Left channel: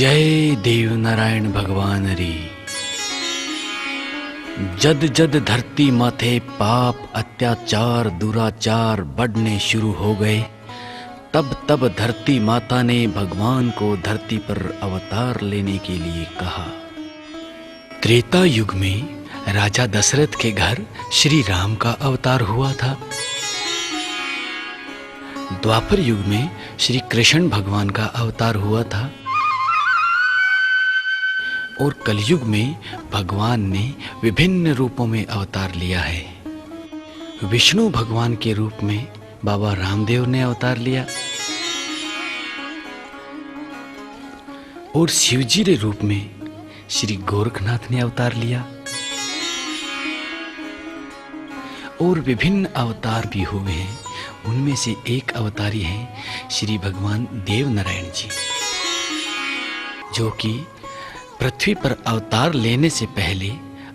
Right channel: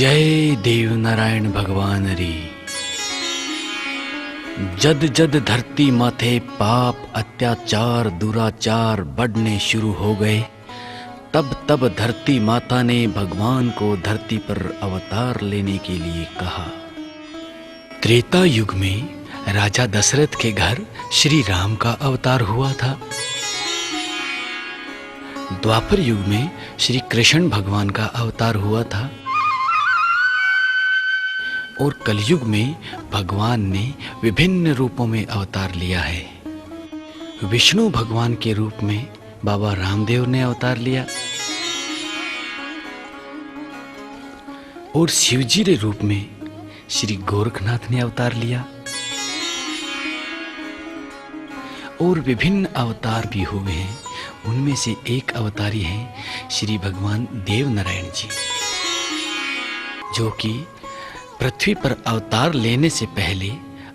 जय देव नारायण भगवान री। जद जद धरती माथे पाप अत्याचार दुराचार बढ़ने शुरू हो गए, तब तब धरती माता ने भगवान को धरती पर अवतार लेने के लिए कहा। त्रेता युग में राजा दशरथ के घर श्री राम का अवतार हुआ था। द्वापर युग में श्री कृष्ण भगवान का अवतार हुआ था और कलयुग में भगवान ने विभिन्न रूपों में अवतार लिया है। विष्णु भगवान के रूप में बाबा रामदेव ने अवतार लिया और शिवजी के रूप में श्री गोरखनाथ ने अवतार लिया और विभिन्न अवतार भी हुए हैं। उनमें से एक अवतारी हैं श्री भगवान देव नारायण जी, जो कि पृथ्वी पर अवतार लेने से पहले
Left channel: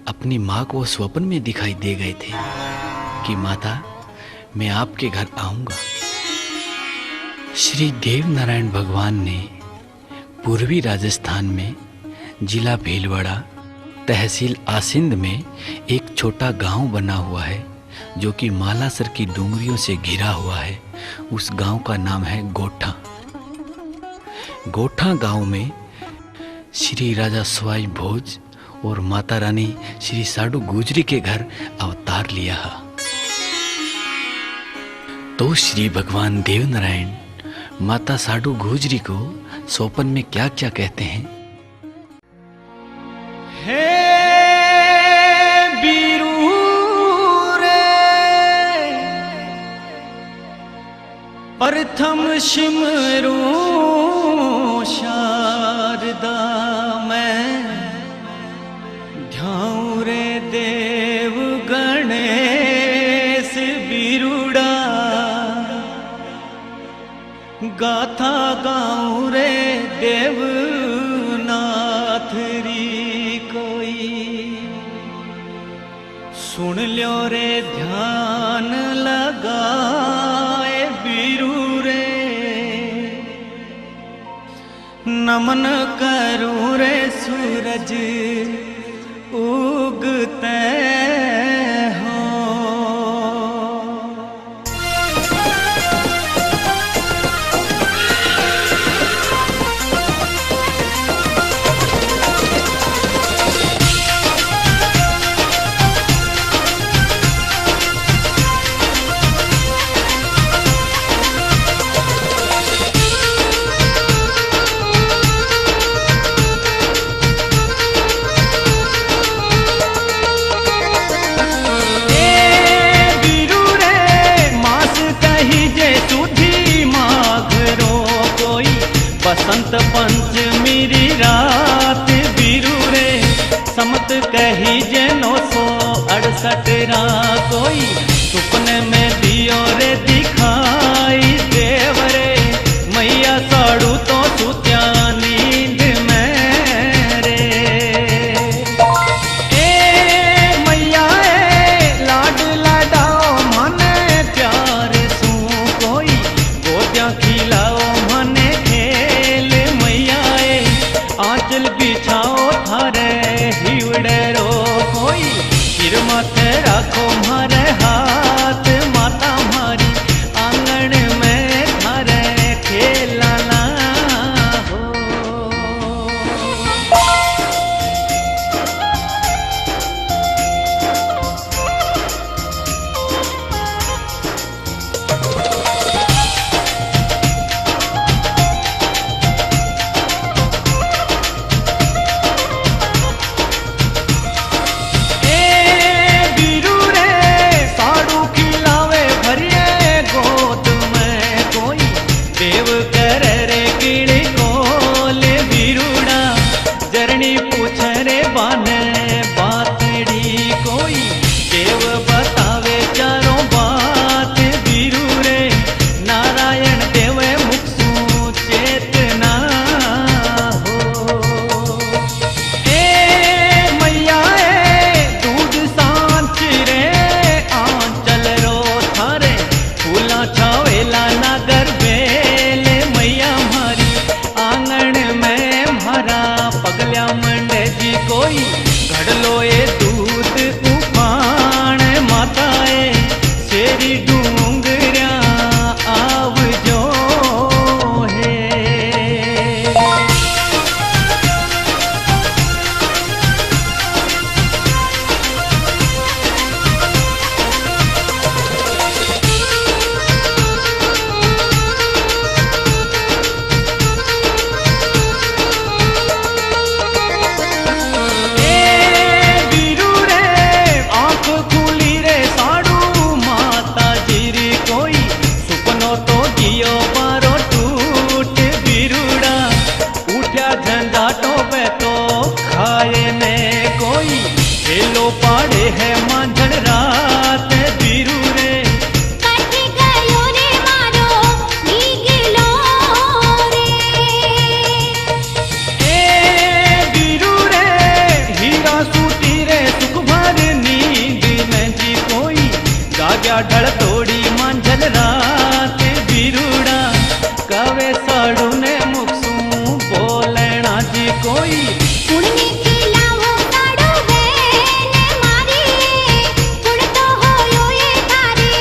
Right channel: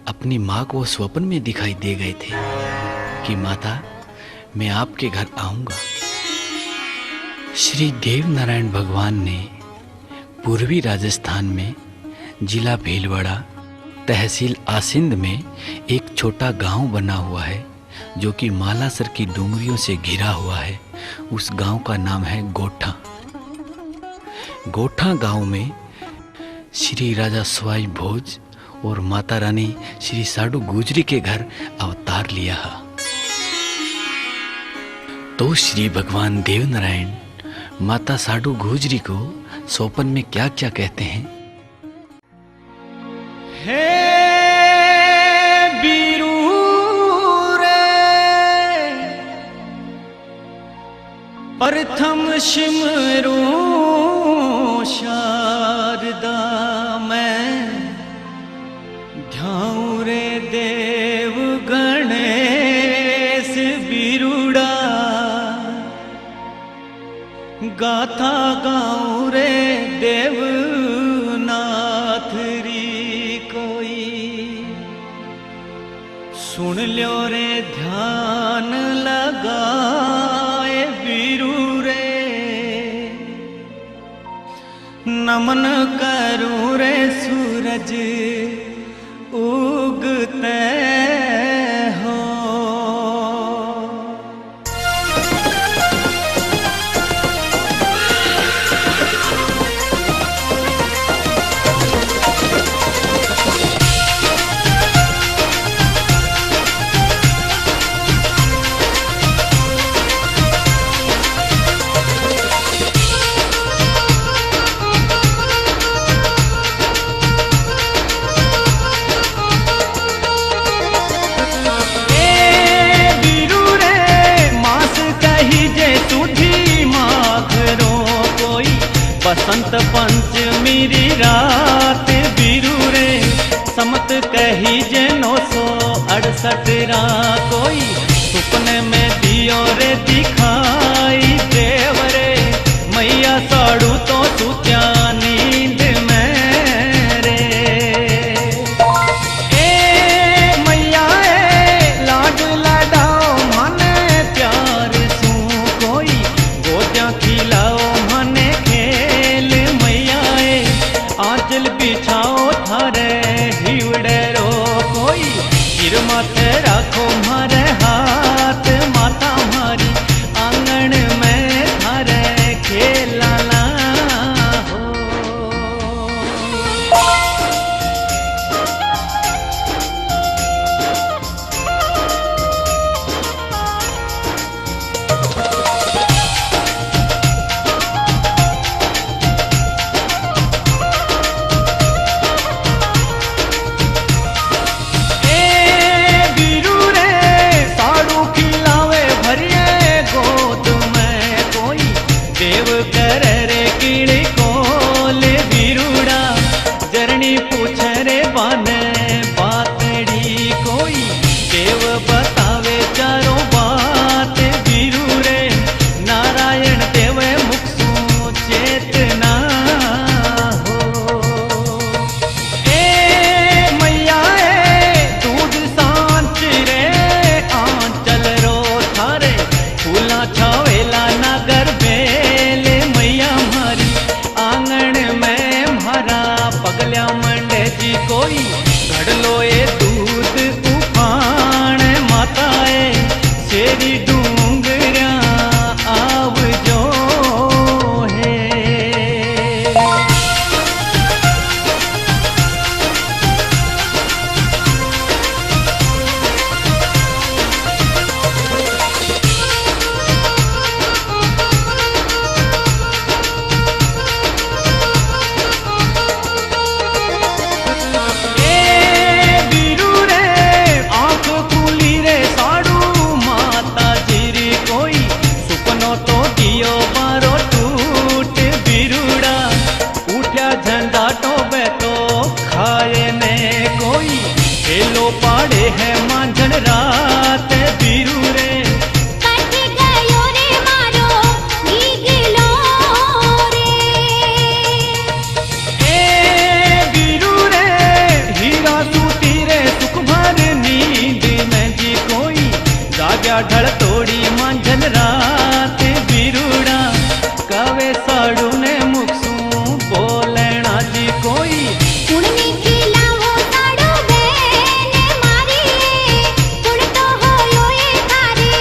अपनी माँ को स्वप्न में दिखाई दे गए थे कि माता मैं आपके घर आऊंगा। श्री देव नारायण भगवान ने पूर्वी राजस्थान में जिला भीलवाड़ा तहसील आसिंद में एक छोटा गांव बना हुआ है जो कि मालासर की डूंगरियों से घिरा हुआ है। उस गांव का नाम है गोठा। गोठा गांव में श्री राजा सवाई भोज और माता रानी श्री साडू गुजरी के घर अवतार लिया। तो श्री भगवान देव नारायण माता साडू गुजरी को स्वप्न में क्या क्या कहते हैं। हे बीरू रे प्रथम सिमरू शारदा मैं ध्याऊं रे देव गणेश बिरुड़ा गाथा गाऊं रे देवनाथ री कोई सुन लो रे ध्यान लगाए बिरू रे नमन करूं रे सूरज उगते हो। जे सुधी माघरो कोई बसंत पंचमी री रात बिरू रे समत कही जे 968 रा कोई सुपने में दियो रे दिखाई देव रे मैया साड़ू तो सुत्या नींद में रे। ए मैया ए लाड लाडाओ माने प्यार खिलाओ मने खेल मैया आंचल बिछाओ थारे हिवड़े रो कोई सिर माथे राखो मारे हाथ माता मारी आंगन में थारे खेलाना हो। गोद में कोई देव कर रे कीड़ी कोल बिरुड़ा जरनी पूछ रे बाने बातड़ी कोई देव बतावे चारों बात बिरू रे नारायण देव मुख सु चेतना हो। ए मैया ए दूध सांच रे आंचल रो थारे फूला छावेला नगर बेले मैया मारी आंगन में घड़लो ए दूध उफाण माताए शेरी डूंगरिया आवजो है। खुली रे साड़ू माता जीरी कोई सुपनो तो गियो बारो टूट बिरुड़ा उठ्या झंझाटो बे तो खाए ने कोई हेलो पाड़े है मांझन रात बिरु रे जाग्या ढल तोड़ी मांझल रात बिरुड़ा कवे साड़ू ने मुखसू बोलेना जी कोई पुण्य खिलावो साड़ू बेन मारी पुण तो होयो ये थारे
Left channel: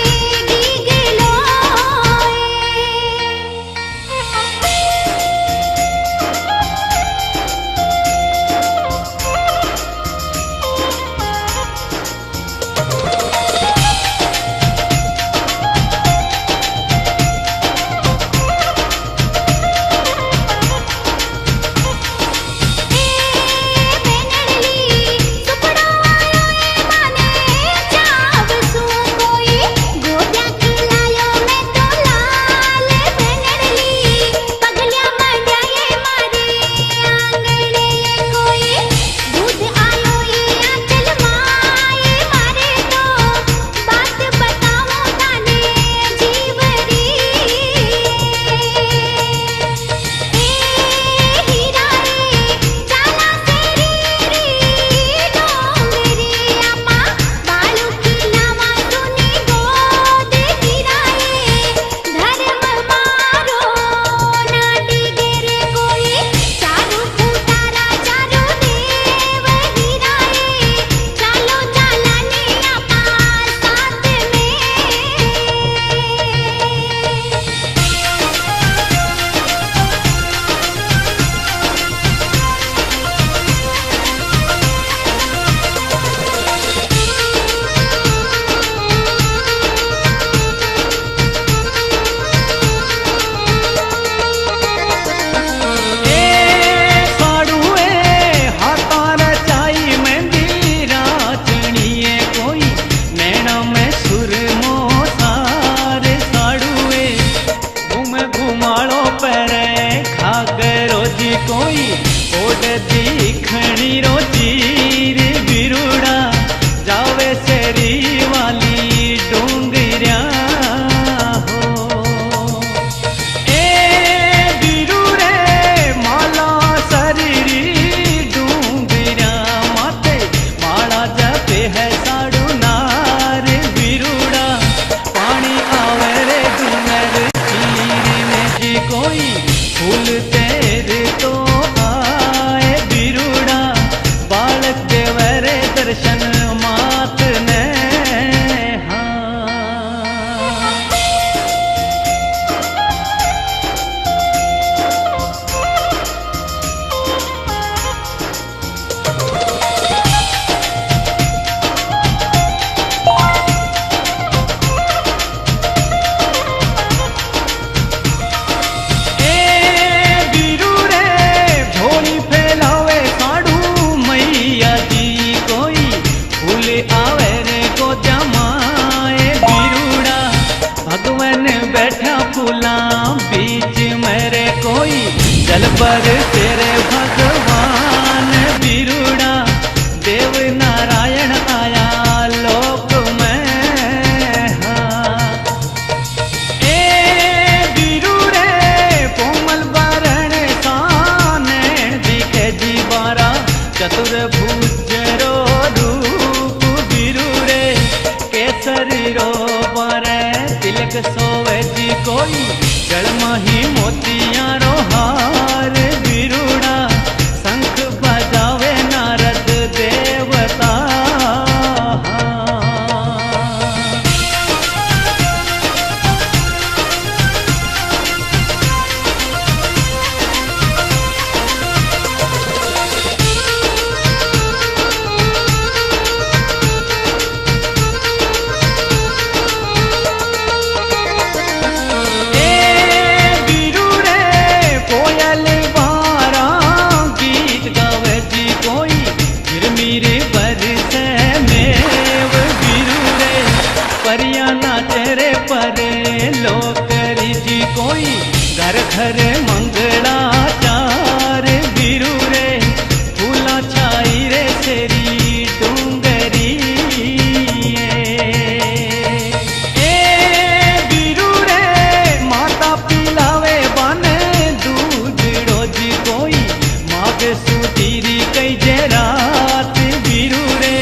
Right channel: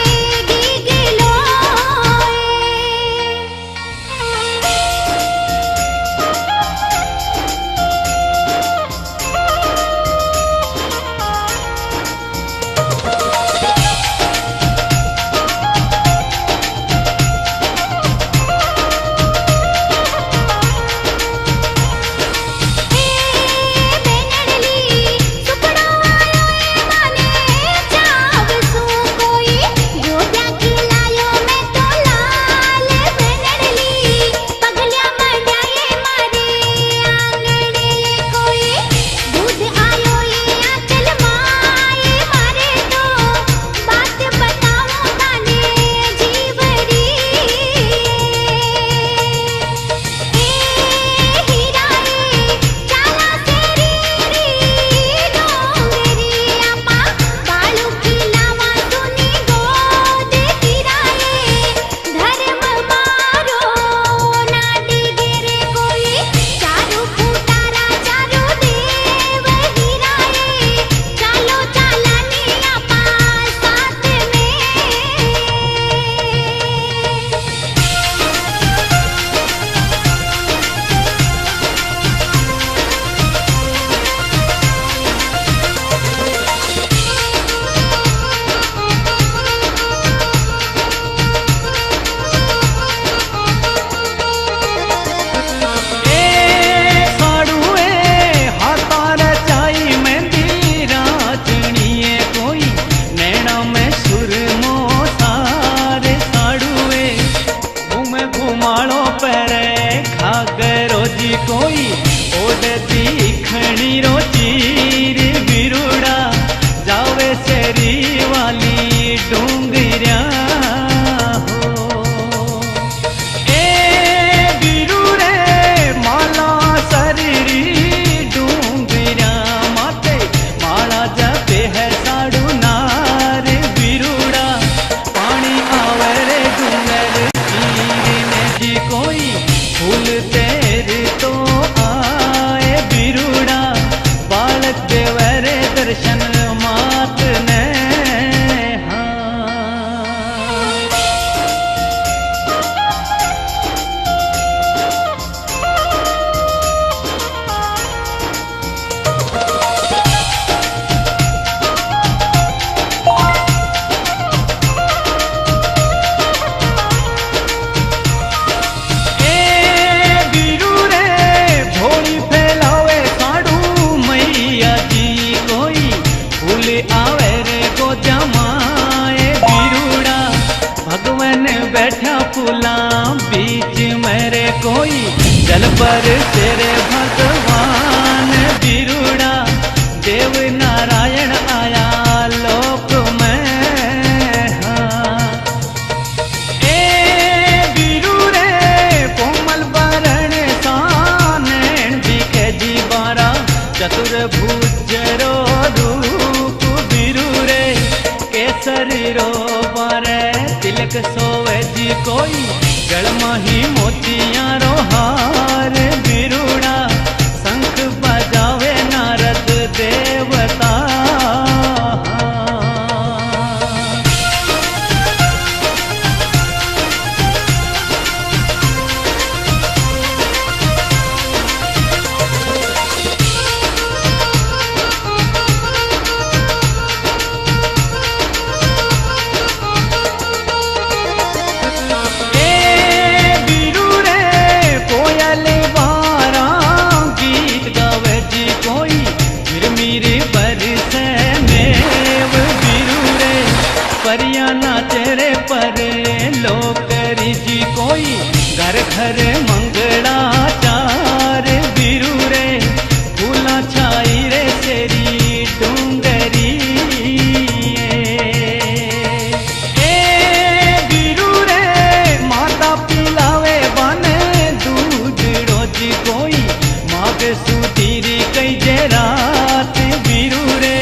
गीगलो घुमाड़ो परे घागरो जी कोई ओड दीखणी रो चीर बिरुड़ा जावे शेरी वाली डूंगरिया हो ए बिरु रे माला शरीरी डूंगरिया माते माला जपे है साड़ू नार बिरुड़ा पानी आवे रे डूंगर कोई फूल तेरे तो आए बिरुड़ा बालक देवरे दर्शन मात ने आवे रे को जमाए बिरुड़ा भगवान बैठा फूला बीच मेरे कोई जल पर तेरे भगवान बिरुड़ा देव नारायण आया लोक में हाँ ए बिरु रे कोमल बरण सानैण दिखे जी बारा चतुर्भुज रो रूप बिरु रे केसरी रो बारे तिलक सोवे जी कोई गलमा ही मोतिया रो हार बिरुड़ा शंख बजावे नारद देव अवतार। मेरे बरसे में वो बिरू रे परिया नाचे रे परे लोकरी जी कोई घर घर मंगलाचार बिरू रे फूला छाई रे तेरी डूंगरी ए बिरू रे माता पिलावे बने दूध रोजी कोई माग सुधीरी कई जे रात बिरू रे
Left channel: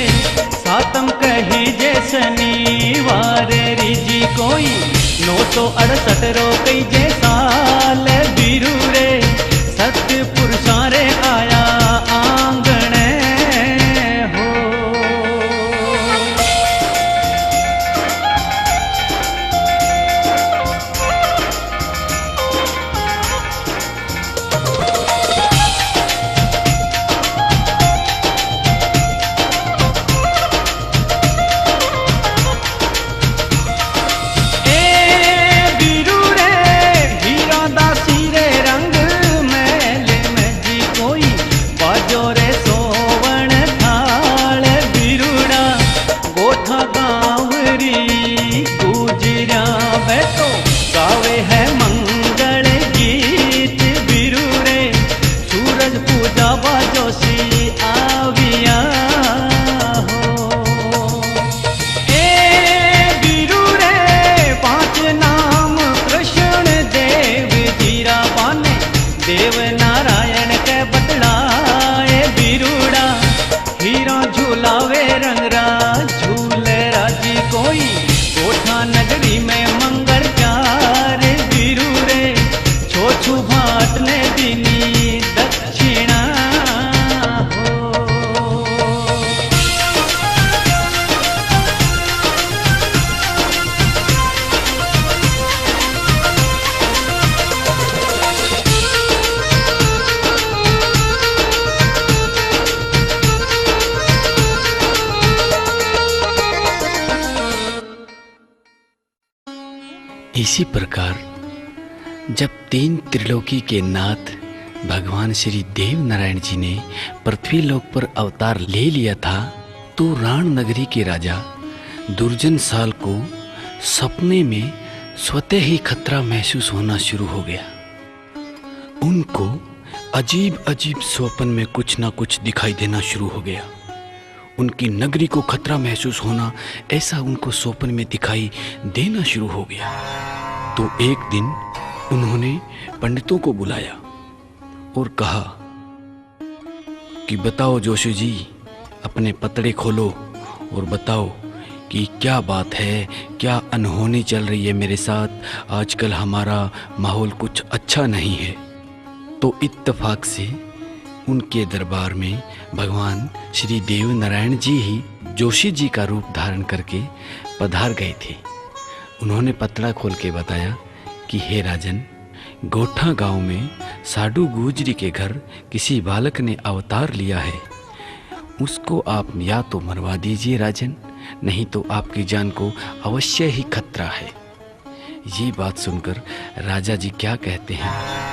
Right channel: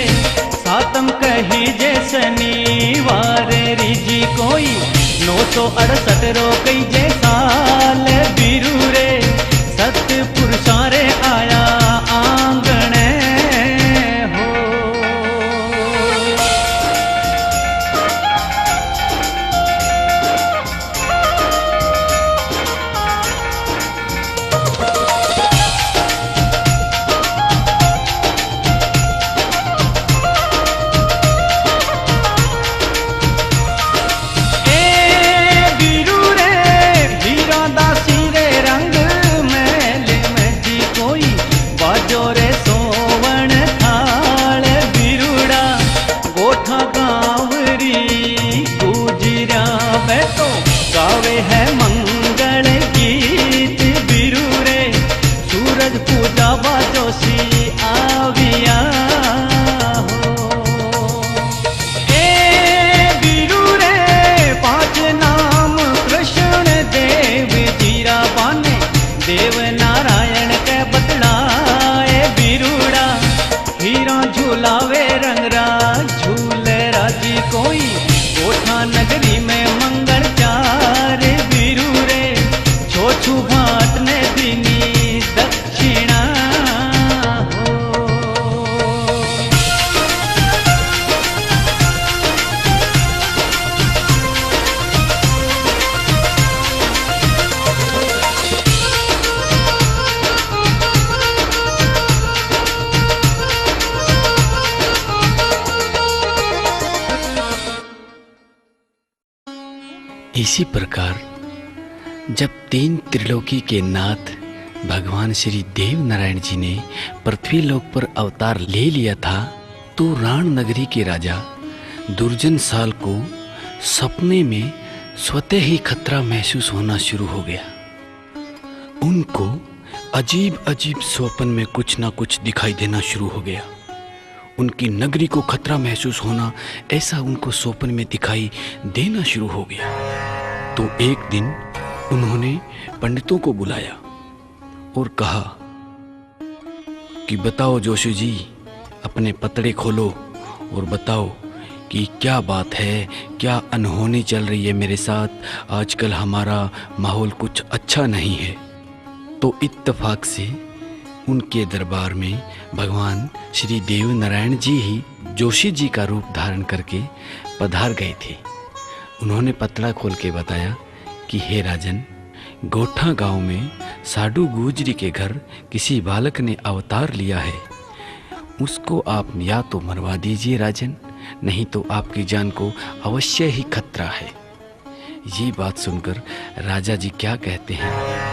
सातम कही जे शनिवार रिजी कोई 968 रो कई जे साल बिरू रे सत्य पुरुषा रे आया आंगण हो। जोरे सोवण थाल बिरुड़ा गोठा गावरी गुजरिया बैठो गावे है मंगल गीत बिरू रे सूरज पूजा बाजोशी आविया हो। ए बिरू रे 5 नाम कृष्ण देव जीरा बाने देव नारायण के बतलाए बिरूड़ा हीरा झूलावे रंगरा झूले राजी कोई गोठा नगरी में मंगल चार बिरू रे छोछू भाट ने दीनी दक्षिणा हो। इसी प्रकार जब 3 त्रिलोकी के नाथ भगवान श्री देव नारायण जी ने पृथ्वी लोक पर अवतार ले लिया था तो राण नगरी के राजा दुर्जन साल को सपने में स्वतः ही खतरा महसूस होना शुरू हो गया। उनको अजीब अजीब स्वप्न में कुछ ना कुछ दिखाई देना शुरू हो गया। उनकी नगरी को खतरा महसूस होना ऐसा उनको स्वप्न में दिखाई देना शुरू हो गया। तो एक दिन उन्होंने पंडितों को बुलाया और कहा कि बताओ जोशी जी, अपने पतड़े खोलो और बताओ कि क्या बात है, क्या अनहोनी चल रही है मेरे साथ। आजकल हमारा माहौल कुछ अच्छा नहीं है। तो इत्तेफाक से उनके दरबार में भगवान श्री देव नारायण जी ही जोशी जी का रूप धारण करके पधार गए थे। उन्होंने पतड़ा खोल के बताया कि हे राजन, गोठा गांव में साडू गुजरी के घर किसी बालक ने अवतार लिया है। उसको आप या तो मरवा दीजिए राजन, नहीं तो आपकी जान को अवश्य ही खतरा है। ये बात सुनकर राजा जी क्या कहते हैं।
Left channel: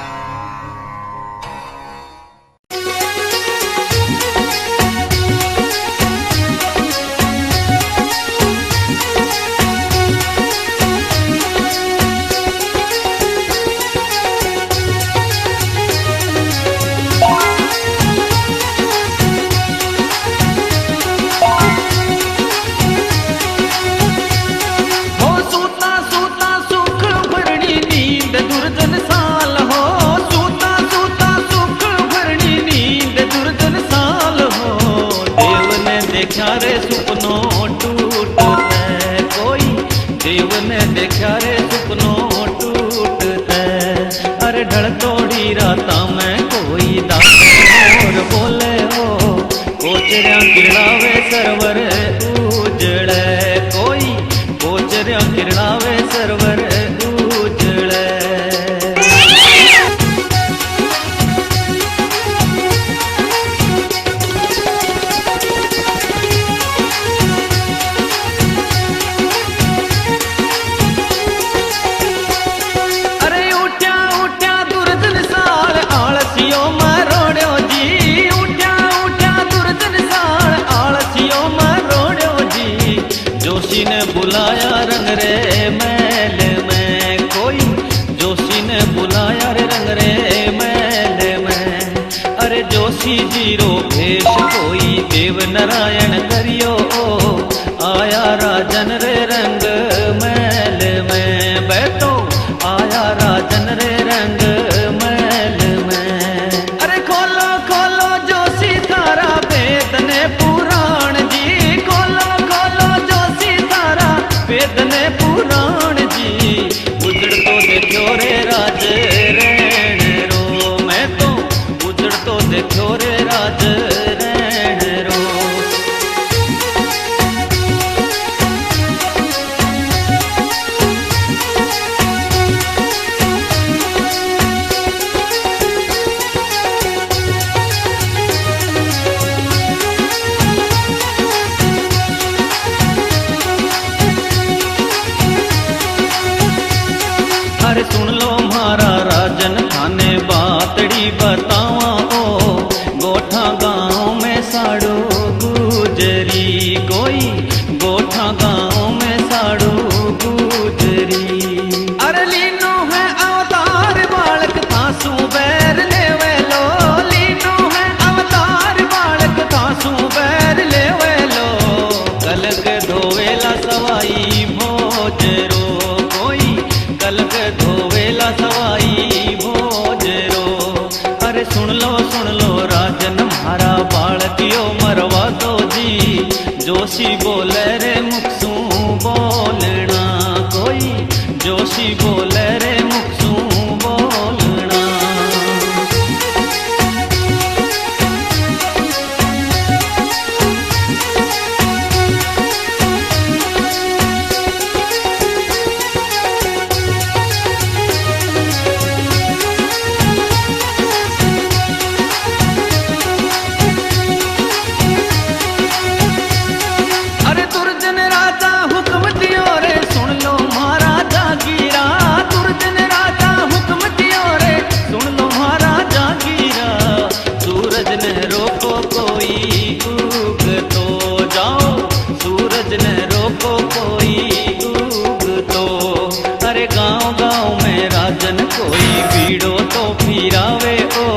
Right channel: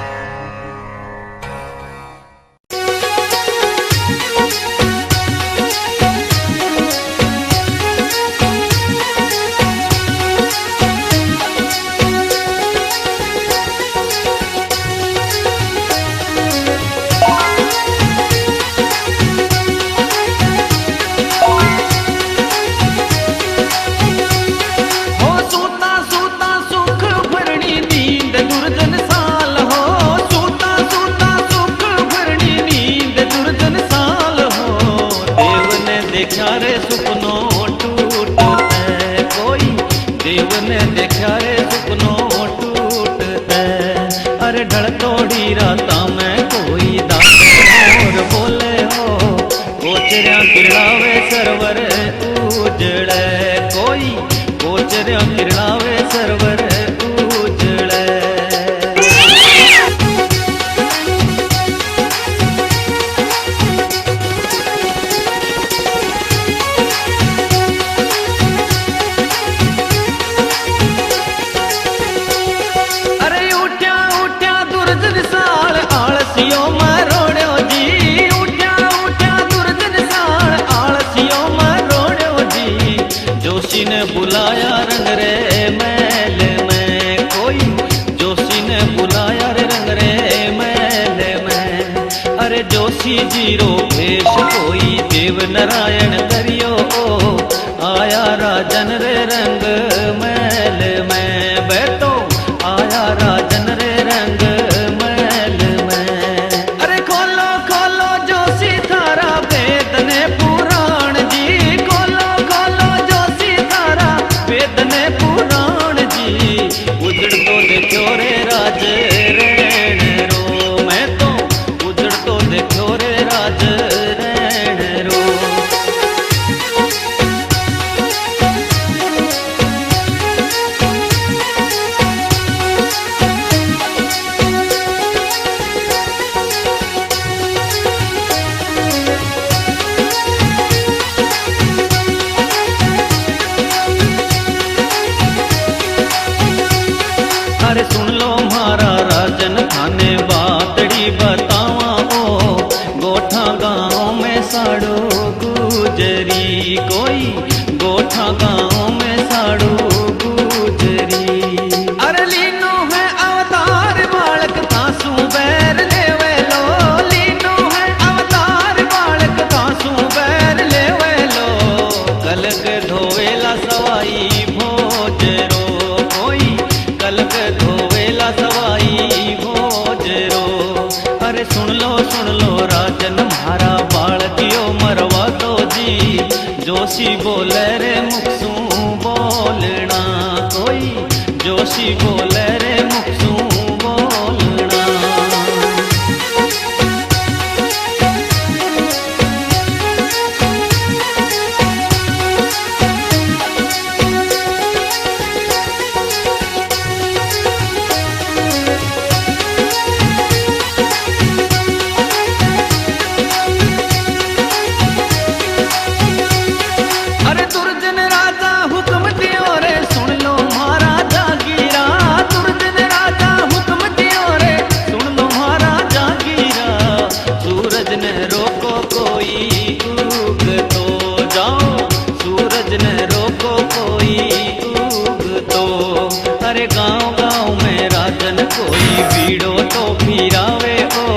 देव ने देखा रे सुपनो टूटते। अरे ढल तोड़ी राता में कोई दास बोले हो, कोचरिया किरणावे सरवर उजड़े, कोई कोचरिया किरणावे सरवर उजड़े। अरे उठ्या उठ्या दुर्जन साल आलसियो मरोड़ो जी, उठ्या उठ्या दुर्जन साल आलसियो मरोड़ो जी। जोशी ने बुलाया रंग रे महल में, कोई जोशी ने बुलाया रे रंग रे महल में। अरे जोशी जीरो भेष कोई देव नारायण करियो, आया राजन रे रंग महल में। बैठो आया राजन रे रंग महल में। अरे खोलो खोलो जोशी थारा वेद ने पुराण जी, खोलो खोलो जोशी थारा वेद ने पुराण जी। उजड़ तो देखो रे राज रैण रो, मैं तो उजड़ तो देखो रे राज रैण रो। अरे सुन लो म्हारा राजन थाने बातड़ी बतावा ओ, गोठा गाँव में साड़ो गुजरी, कोई गोठा गाँव में साड़ो गुजरी। अरे लीनो है अवतार बालक थासू बैर लेवे लो, लीनो है अवतार बालक थासू बैर लेवे लो। कलक धोवेला सवाई भोजरो, कोई कलक धोवेला सवाई भोजरो। अरे सुन लो राजन म्हारा बालकियो मरवा दो जी। जोशी बोले रे मुखसू बोलना, कोई जोशी बोले रे मुखसू बोलना। अरे दुर्जन राजा हुक्म दियो रे सुन लो महाराजा गिरा, दुर्जन राजा हुक्म दियो रे सुन लो महाराजा गिरा। सूरज ने रोको कोई उग तो जाओ, सूरज ने रोको कोई उग तो। अरे गाँव गाँव में राजन कोई बीड़ो तो फिरावे ओ,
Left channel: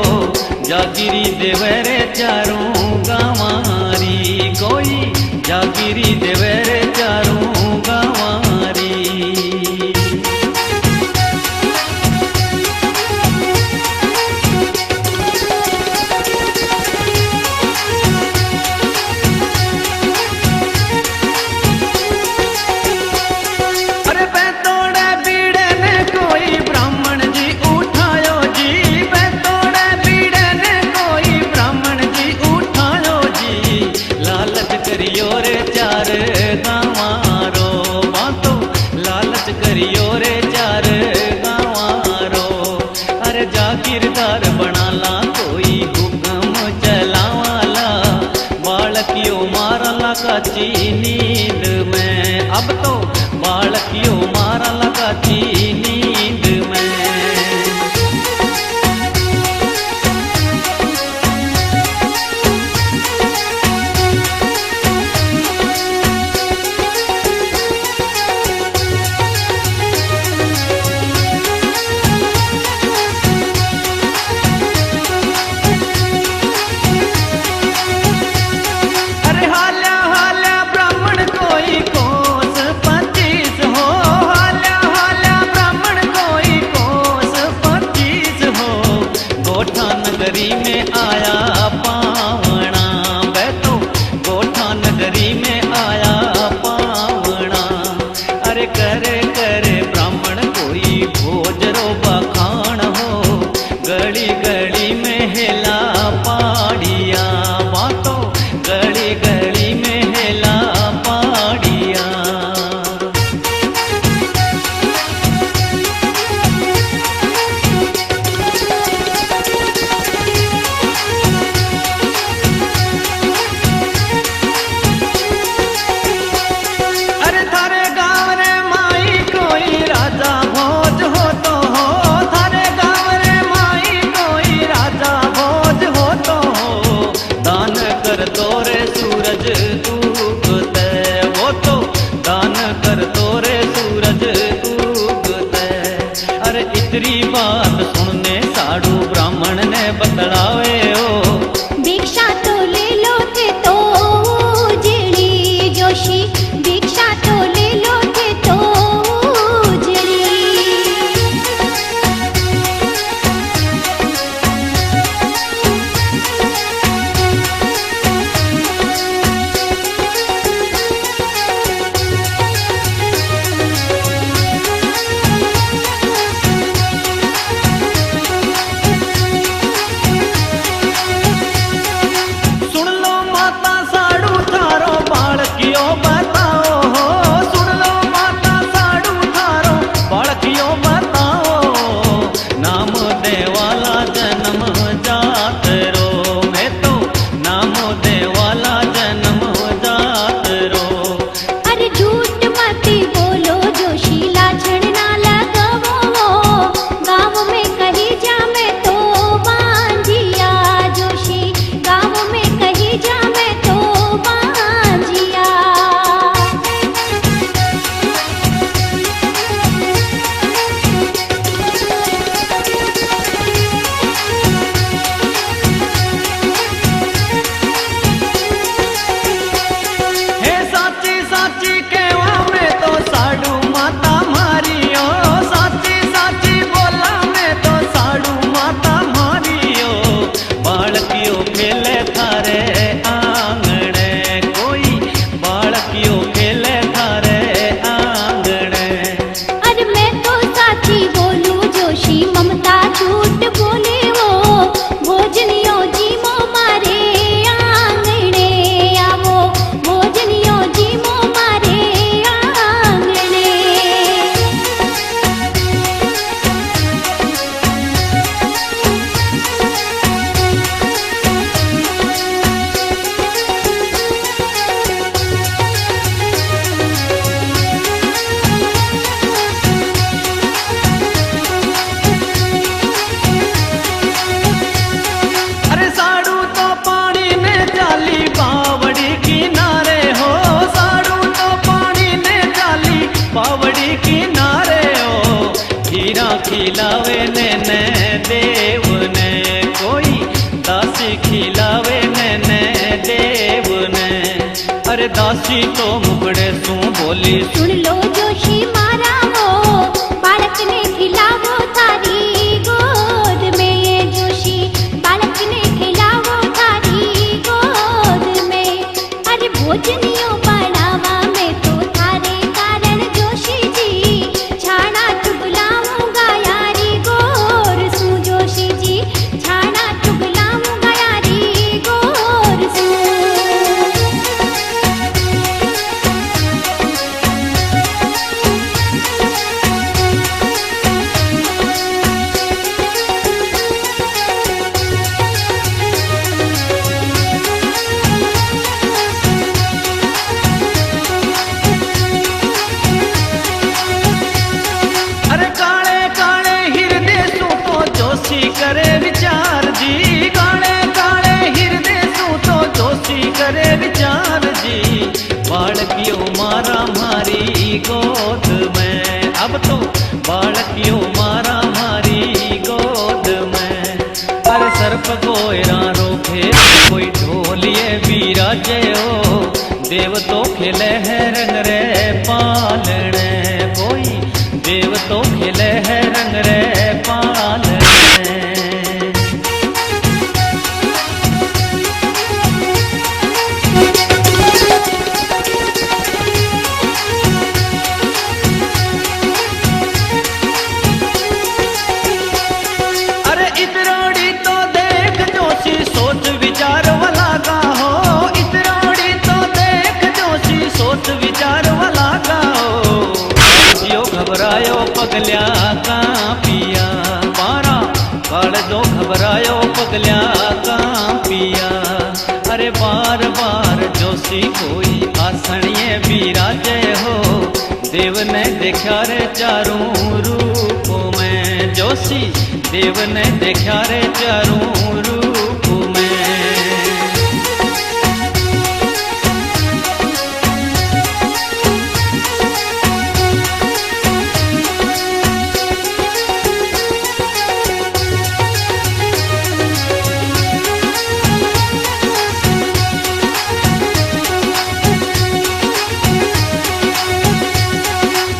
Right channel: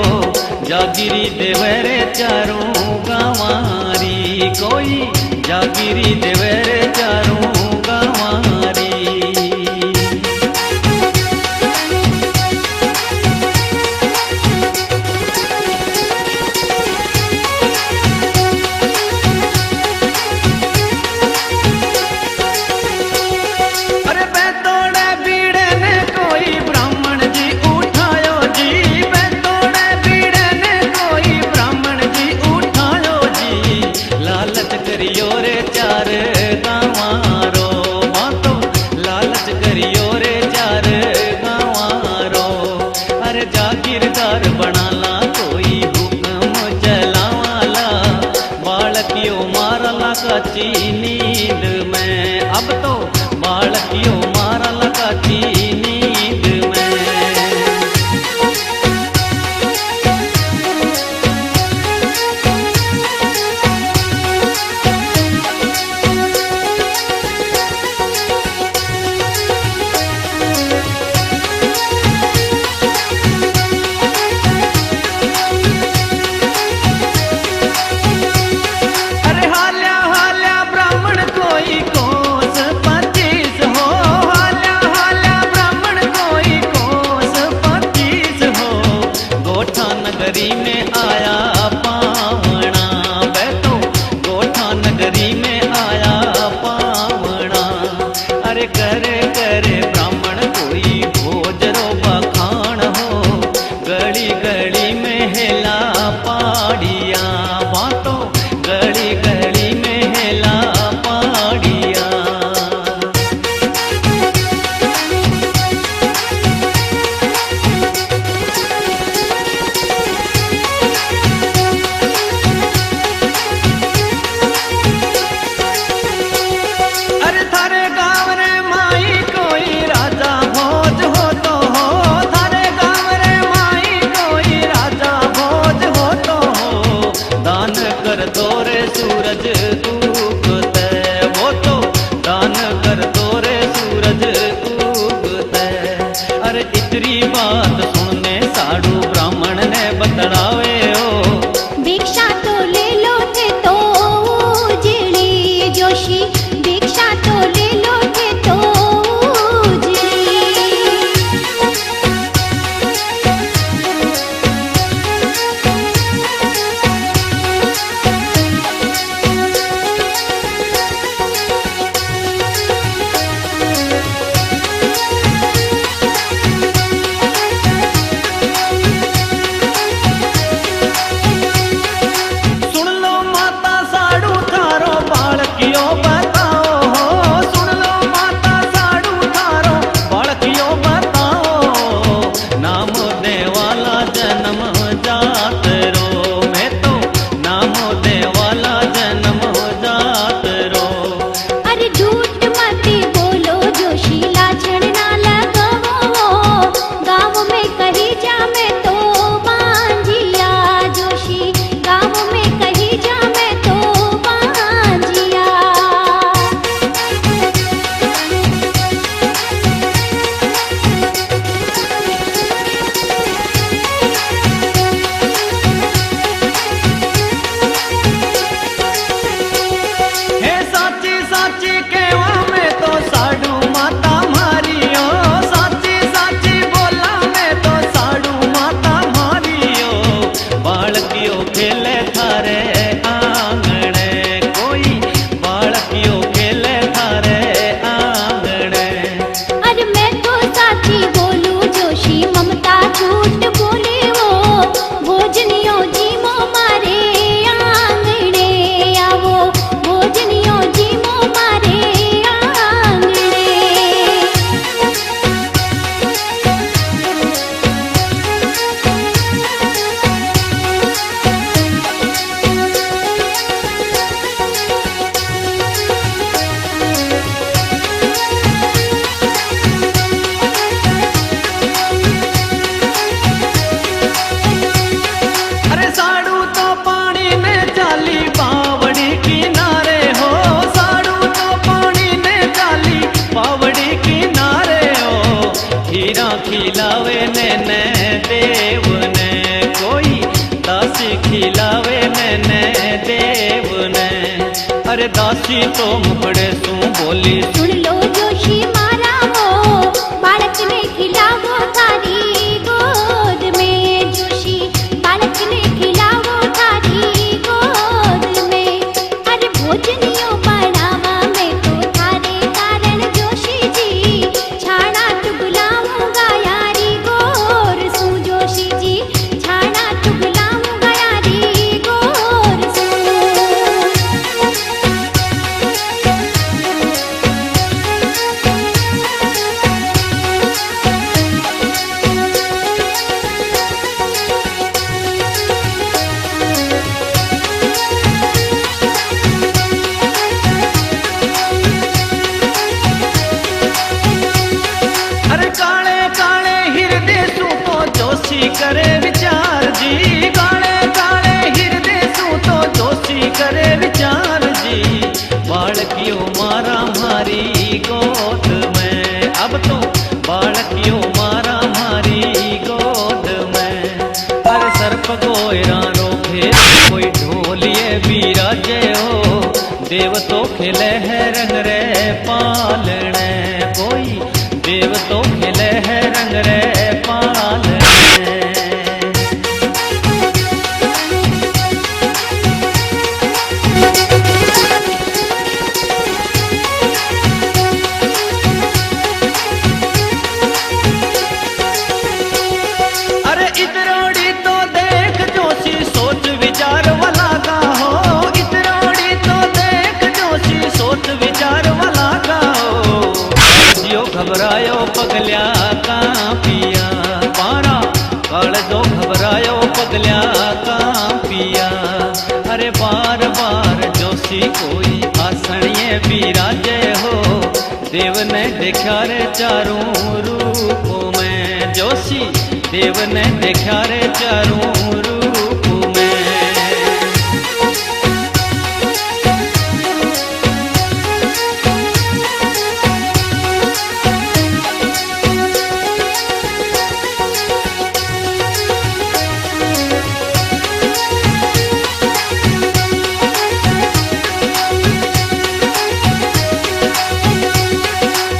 जागिरी देवे रे चारों गाँवारी, कोई जागिरी देवे रे चारों गाँवारी। अरे बैतोड़े बीड़े ने कोई ब्राह्मण जी उठायो जी, बैतोड़े बीड़े ने कोई ब्राह्मण जी उठायो जी। लालच करियो रे चार गाँवारो, बातो लालच करियो रे चार गाँवारो। अरे जागीरदार बनाला कोई हुक्म चलावाला, बालकियो मारला काची नींद में। अब तो बालकियो मारला काची नींद में। अरे हाल्या हाल्या ब्राह्मण कोई कोस 25 हो, हाल्या हाल्या ब्राह्मण कोई कोस 25 हो। गोठा नगरी में आया पावना, बैठो गोठा नगरी में आया पावना। अरे करे करे ब्राह्मण कोई भोज रो बखान हो। गली गली में हेला पाड़िया बातों, गली गली में हेला पाड़िया। अरे थारे गाँव रे माई कोई राजा भोज हो तो हो, थारे गाँव रे माई कोई राजा भोज हो तो हो। दान कर दो रे सूरज उगते, वो तो दान कर दो रे सूरज उगते। अरे इतनी बात सुनने साधु ब्राह्मण ने बतलावे हो। भिक्षा तो ले लो थे तो उजड़ी जोशी, भिक्षा तो ले लो थे तो उजड़ी। सुन लो माता साड़ू थारो बालकियो बताओ हो, सुन लो माता साड़ू थारो बालकियो बताओ। नाम देवाला जन्म जात रो, मैं तो नाम देवाला जन्म जात रो। अरे झूठ मत बोलो जोशी, लाछन ना लगावो। गाँव में कही जा मैं तो बांझिया जोशी, गाँव में कही जा मैं तो बांझिया। हे साची साची केवा में तो साडू माता मारियो, साची साची बोला में तो साडू माता मारियो। बालकियो खेले थारे आंगणे कोई, बालकियो खेले थारे आंगणे। अरे मैं तो साची बोलूं जोशी, ममता झूठ बोले वो। भोजनियो जी मो मारे आंगणे आवो, भोजनियो जी मो मारे आंगणे। अरे साड़ू तो पानी में चाली बावड़ी किनारे हो, साड़ू तो पानी में चाली बावड़ी किनारे हो। हीरा खिलावे ने देव ने कोई, दासी खिलावे ने देव ने। अरे दासी तो मुकड़े सू बोली, सुन लो जोशी मारा वो, बालक ने खिलावो थारी गोद में जोशी, बालक ने खिलावो थारी गोद में। अरे भोजनियो बढ़ावा मैं तो थारे कारण जोशी जी, छाना चुगलाऊंगा यारी गोर सू जोशी जी, छाना चुगलाऊंगा यारी गोर सू। अरे काले काले हृदय सू तो जोशी करे विचार जी, काले काले हृदय सू तो जोशी करे विचार जी। बालकियो मारा मारी गोद में, अब तो बालकियो मारा मारी गोद में। अरे सर्प कोयरा रोके कोई ढोलिए बिराजे हो, देव तो खेले है रंग रे पालने कोई, देव तो खेले है रंग रे पालने। घबरायो पगल्या कां पिया, पारा काळजो घबरायो पगल्या कां पिया। अरे बार बार जोशी कोई आसणिए बिराजे हो, देव ने देखा रे चारों रूपों में, जोशी देव ने देखा रे चारों रूप में।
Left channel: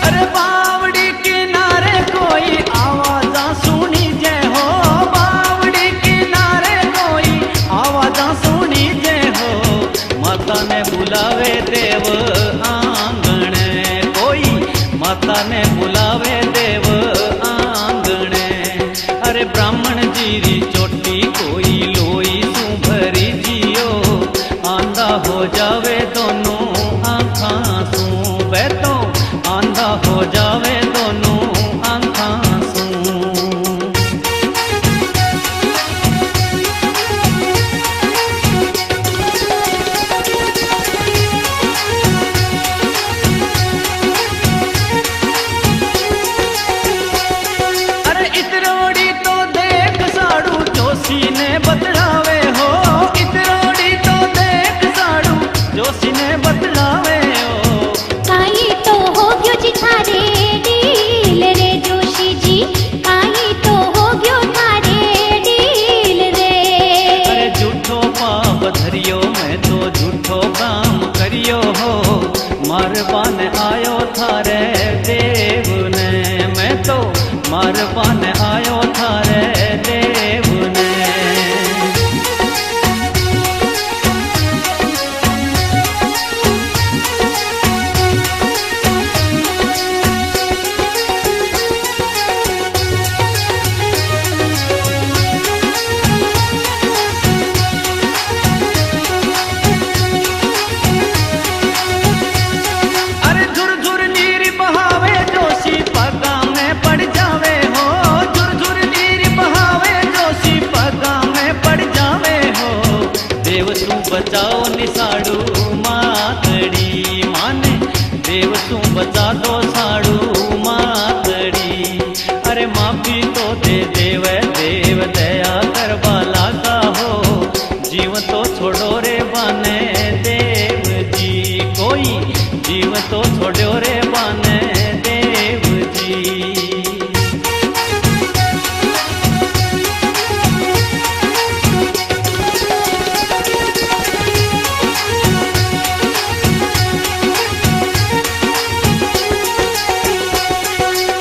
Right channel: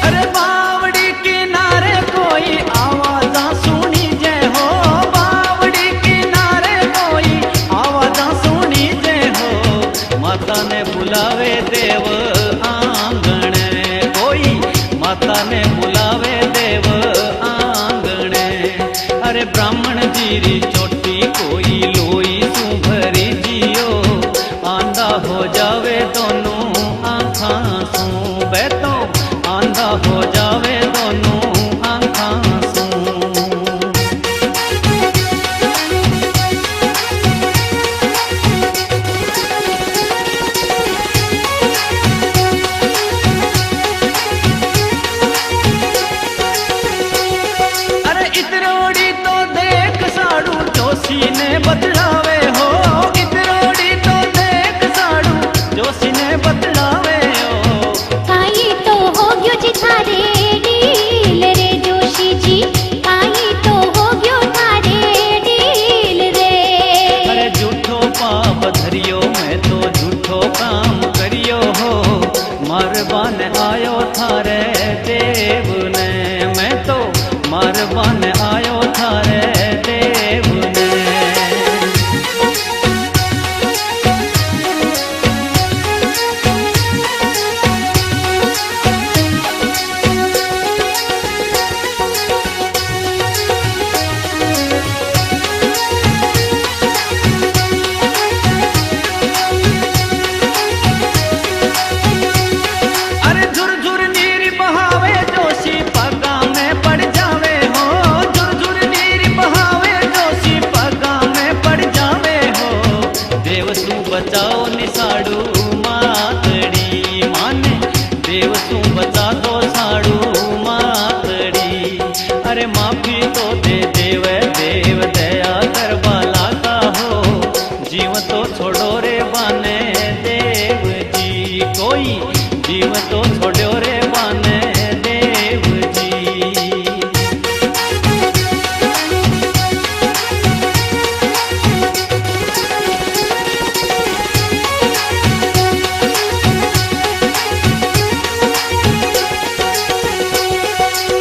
अरे बावड़ी किनारे कोई आवाजा सुनी जय हो, बावड़ी किनारे कोई आवाजा सुनी जय हो। माता ने बुलावे देव आंगण कोई, माता ने बुलावे देव आंगण। अरे ब्राह्मण जीरी चोटी कोई लोई सू भरी जियो, आंधा हो जावे दोनों आँखां सू बैठो, आंधा हो जावे दोनों आँखां सू। अरे इतरोड़ी तो देख साड़ू जोशी ने बतलावे हो, इतरोड़ी तो देख साड़ू जोशी ने बतलावे हो। काई तो हो गयो जी थारे डील रे जोशी जी, काई तो हो गयो थारे डील रे। अरे झूठो पाप धरियो मैं तो झूठो काम करियो हो, मारवान आयो थारे देव ने, मैं तो मारवान आयो थारे देव ने। अरे झुरझुर नीर बहावे जोशी पगा में पड़ जावे हो, झुरझुर नीर बहावे जोशी पगा में पड़ जावे हो। देव तू बचाओ निसाड़ू मातड़ी माने, देव तू बचा दो साड़ू मातड़ी। अरे माफी तो दे देव देव दया करवा लागा हो, जीव तो छोड़ो रे बाने देव जी कोई, जीव तो छोड़ो रे बाने देव जी।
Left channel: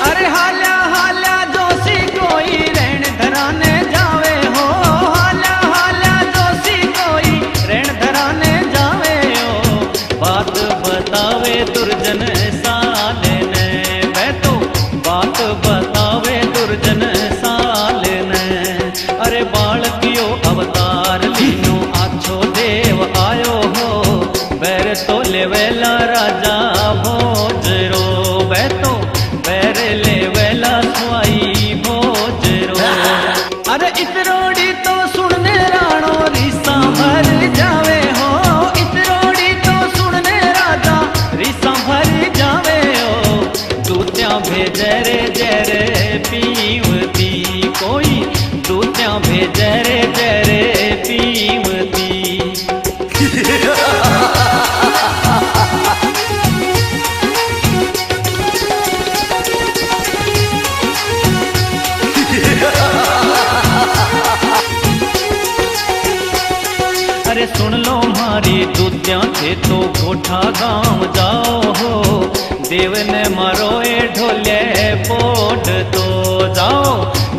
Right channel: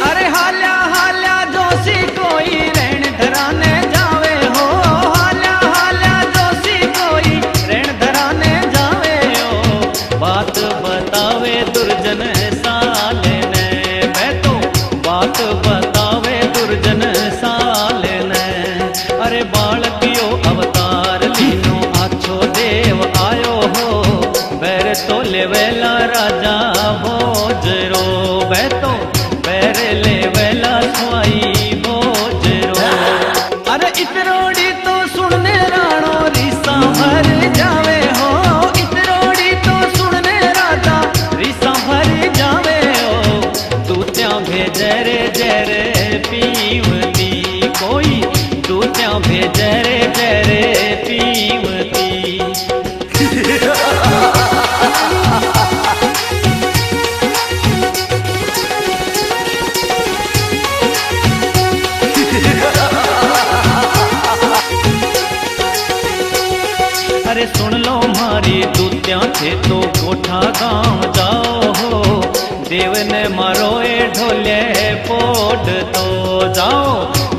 अरे हाल्या हाल्या जोशी कोई रण धराने जावे हो, हाल्या हाल्या जोशी कोई रण धराने जावे हो। बात बतावे दुर्जन साल ने, बैठो बात बतावे दुर्जन साल ने। अरे बालकियो अवतार लीनो आछो देव आयो हो, बैर तो लेवेला राजा भोजरो, बैठो बैर लेवेला स्वाई भोजरो। अरे इतरोड़ी तो सुनने राणो रिसा भर जावे हो, इतरोड़ी तो सुनने राजा रिसा भर जावे हो। दूत्या भेजे रे जरे पीवती कोई, दूत्या भेजे रे जरे पीवती। अरे सुन लो मारी दूत्या थे तो कोठा गांव जाओ हो, देव ने मारो ए ढोले पोट तो जाओ,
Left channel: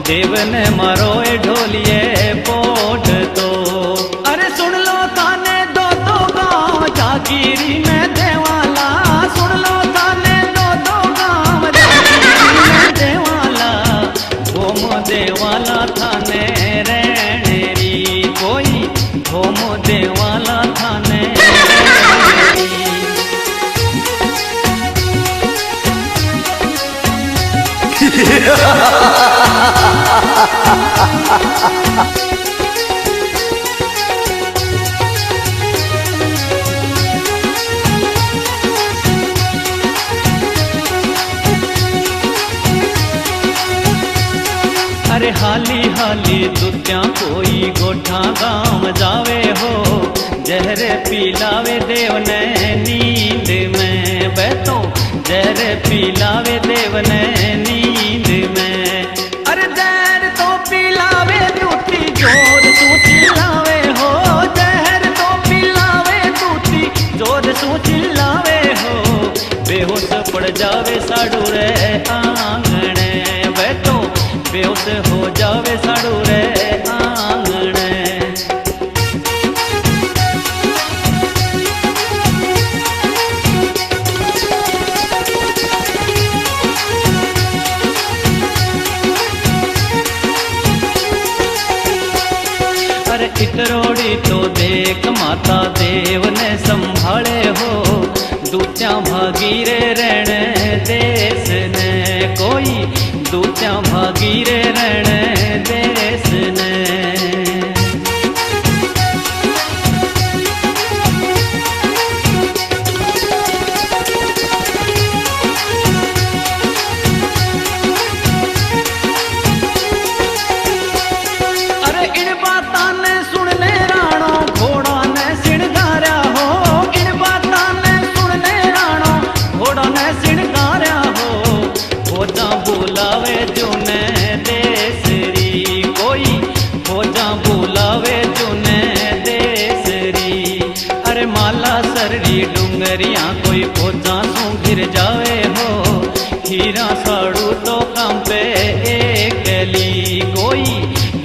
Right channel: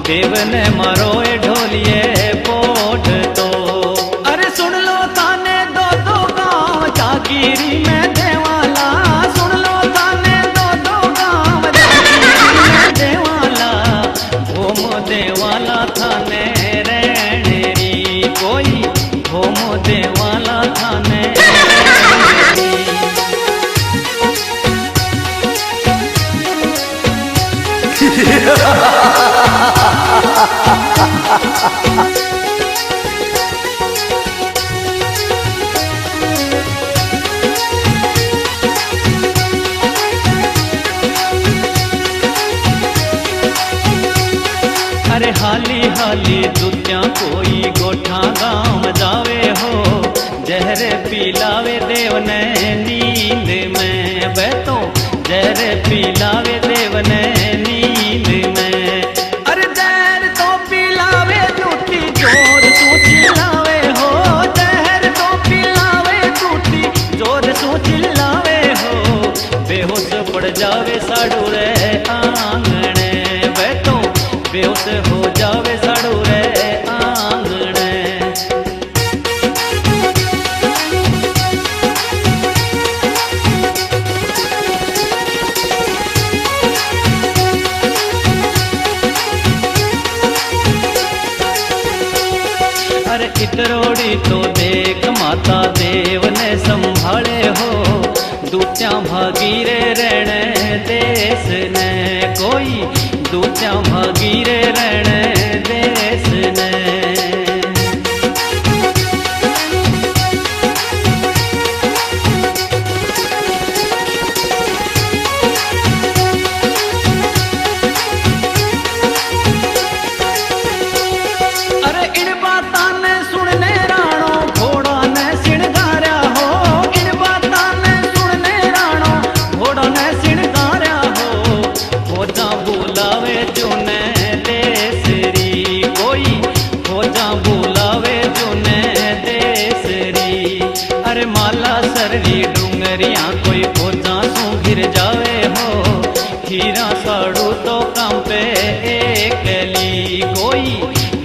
देव ने मारो ए ढोलिए पोट तो। अरे सुन लो थाने दो दो गांव जागीरी में देवाला, सुन लो थाने दो दो गांव जागीरी में देवाला। भोम देवाला थाने रेणेरी कोई, भोम देवाला थाने रेणेरी। अरे हाली हाली दुत्या कोई गोठा गांव जावे हो, जहर पिलावे देव ने नींद में बैठो, जहर पिलावे देव ने नींद में। अरे जहर तो पिलावे दूती जोर तू चिल्लावे हो, जहर तो पिलावे दूती जोर तू चिल्लावे हो, बेहोश पड़ जावे साड़ू रे आंगणे बैठो, बेहोश हो जावे साड़ू रे आंगणे। अरे इतरोड़ी तो देख माता देव ने संभाले हो, दूत्या भागीरे रहने देश ने कोई, दूत्या भागीरे रहने देश ने। अरे इन बातां ने सुनने राणो घोड़ा ने सिणगार्या हो, इन बातां ने सुनने राणो घोड़ा ने सिणगार्या हो, फौजा बुलावे जुने देसरी कोई, फौजा बुलावे जुने देसरी। अरे माला सररी डूंगरिया कोई फौजा सू घिर जावे हो, हीरा साड़ू तो काम पे एकली कोई,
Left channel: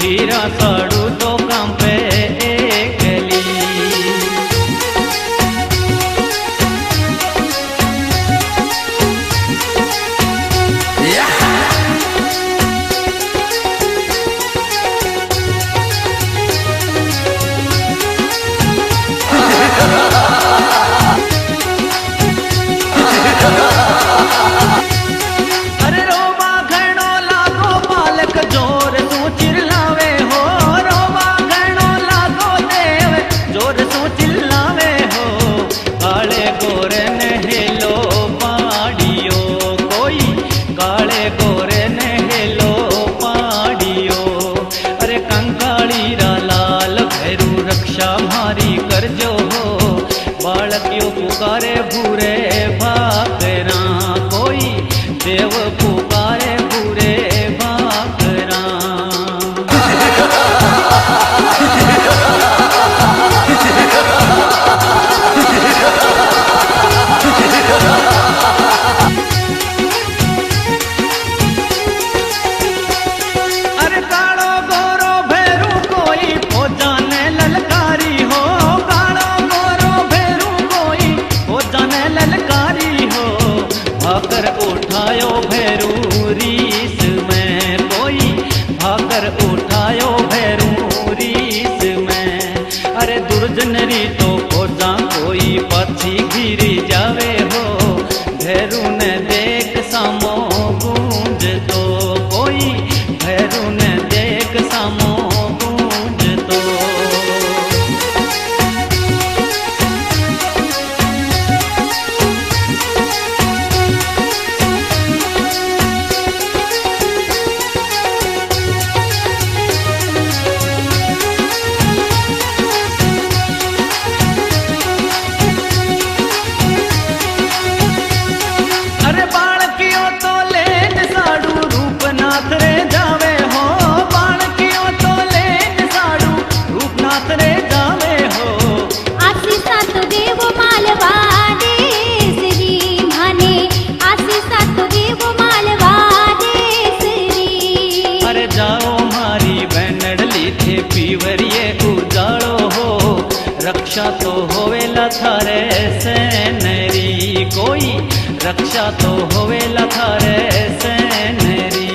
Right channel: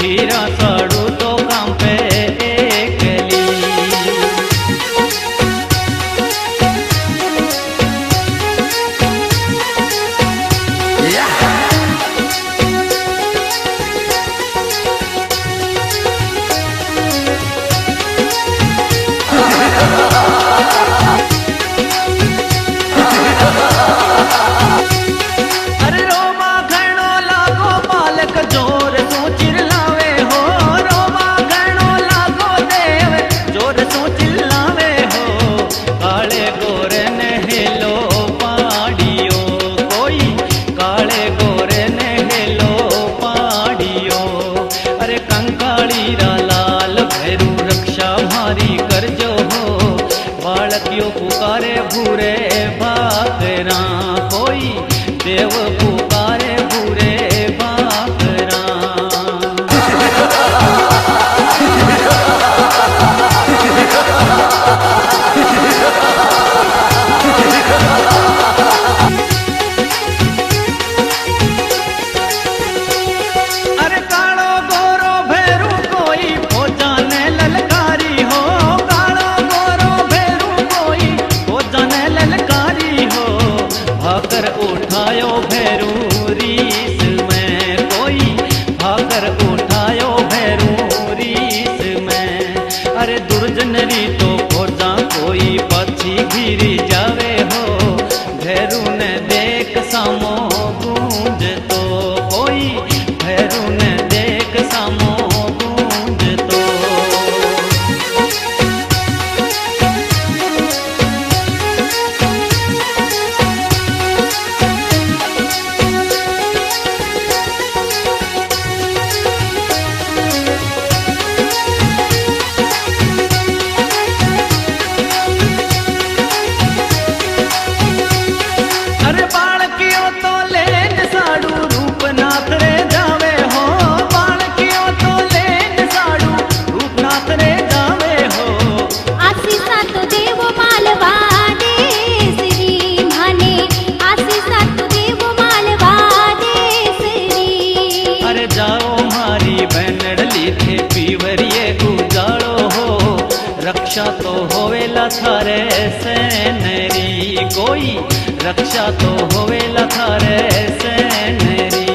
हीरा साड़ू तो काम पे एकली। अरे रोबा घणो लागो बालक जोर तू चिल्लावे हो, रोबा घणो लागो देव जोर तू चिल्लावे हो, काले गोरे ने हेलो पाड़ियो कोई, काले गोरे ने हेलो पाड़ियो। अरे कंकाली रा लाल भैरू रक्षा मारी करजो हो, बालकियो पुकारे भूरे भाकरा कोई, देव पुकारे भूरे भाकरा। अरे कालो गोरो भैरू कोई फौजा ने ललकारी हो, कालो गोरो भैरू कोई फौजा ने ललकारी हो, भाकर उठायो भैरू रीस में कोई, भाकर उठायो भैरू रीस में। अरे दुर्जन री तो फौजा कोई पाछी घिरी जावे हो, भैरू ने देख सामो गूंज तो कोई, भैरू ने देख सामो गूंज तो। अरे बालकियो तो लेन साड़ू रूपनाथ रे जावे हो, बालकियो तो लेन साड़ू रूपनाथ रे जावे हो। आशीषा तो देव मालवा देसरी माने, आशीषा तो देव मालवा देसरी। अरे जाओ मारी बैनडली थे पीवरिए उजाड़ो हो, रक्षा तो होवेला थारे सेनरी कोई, रक्षा तो होवेला थारे सेनरी।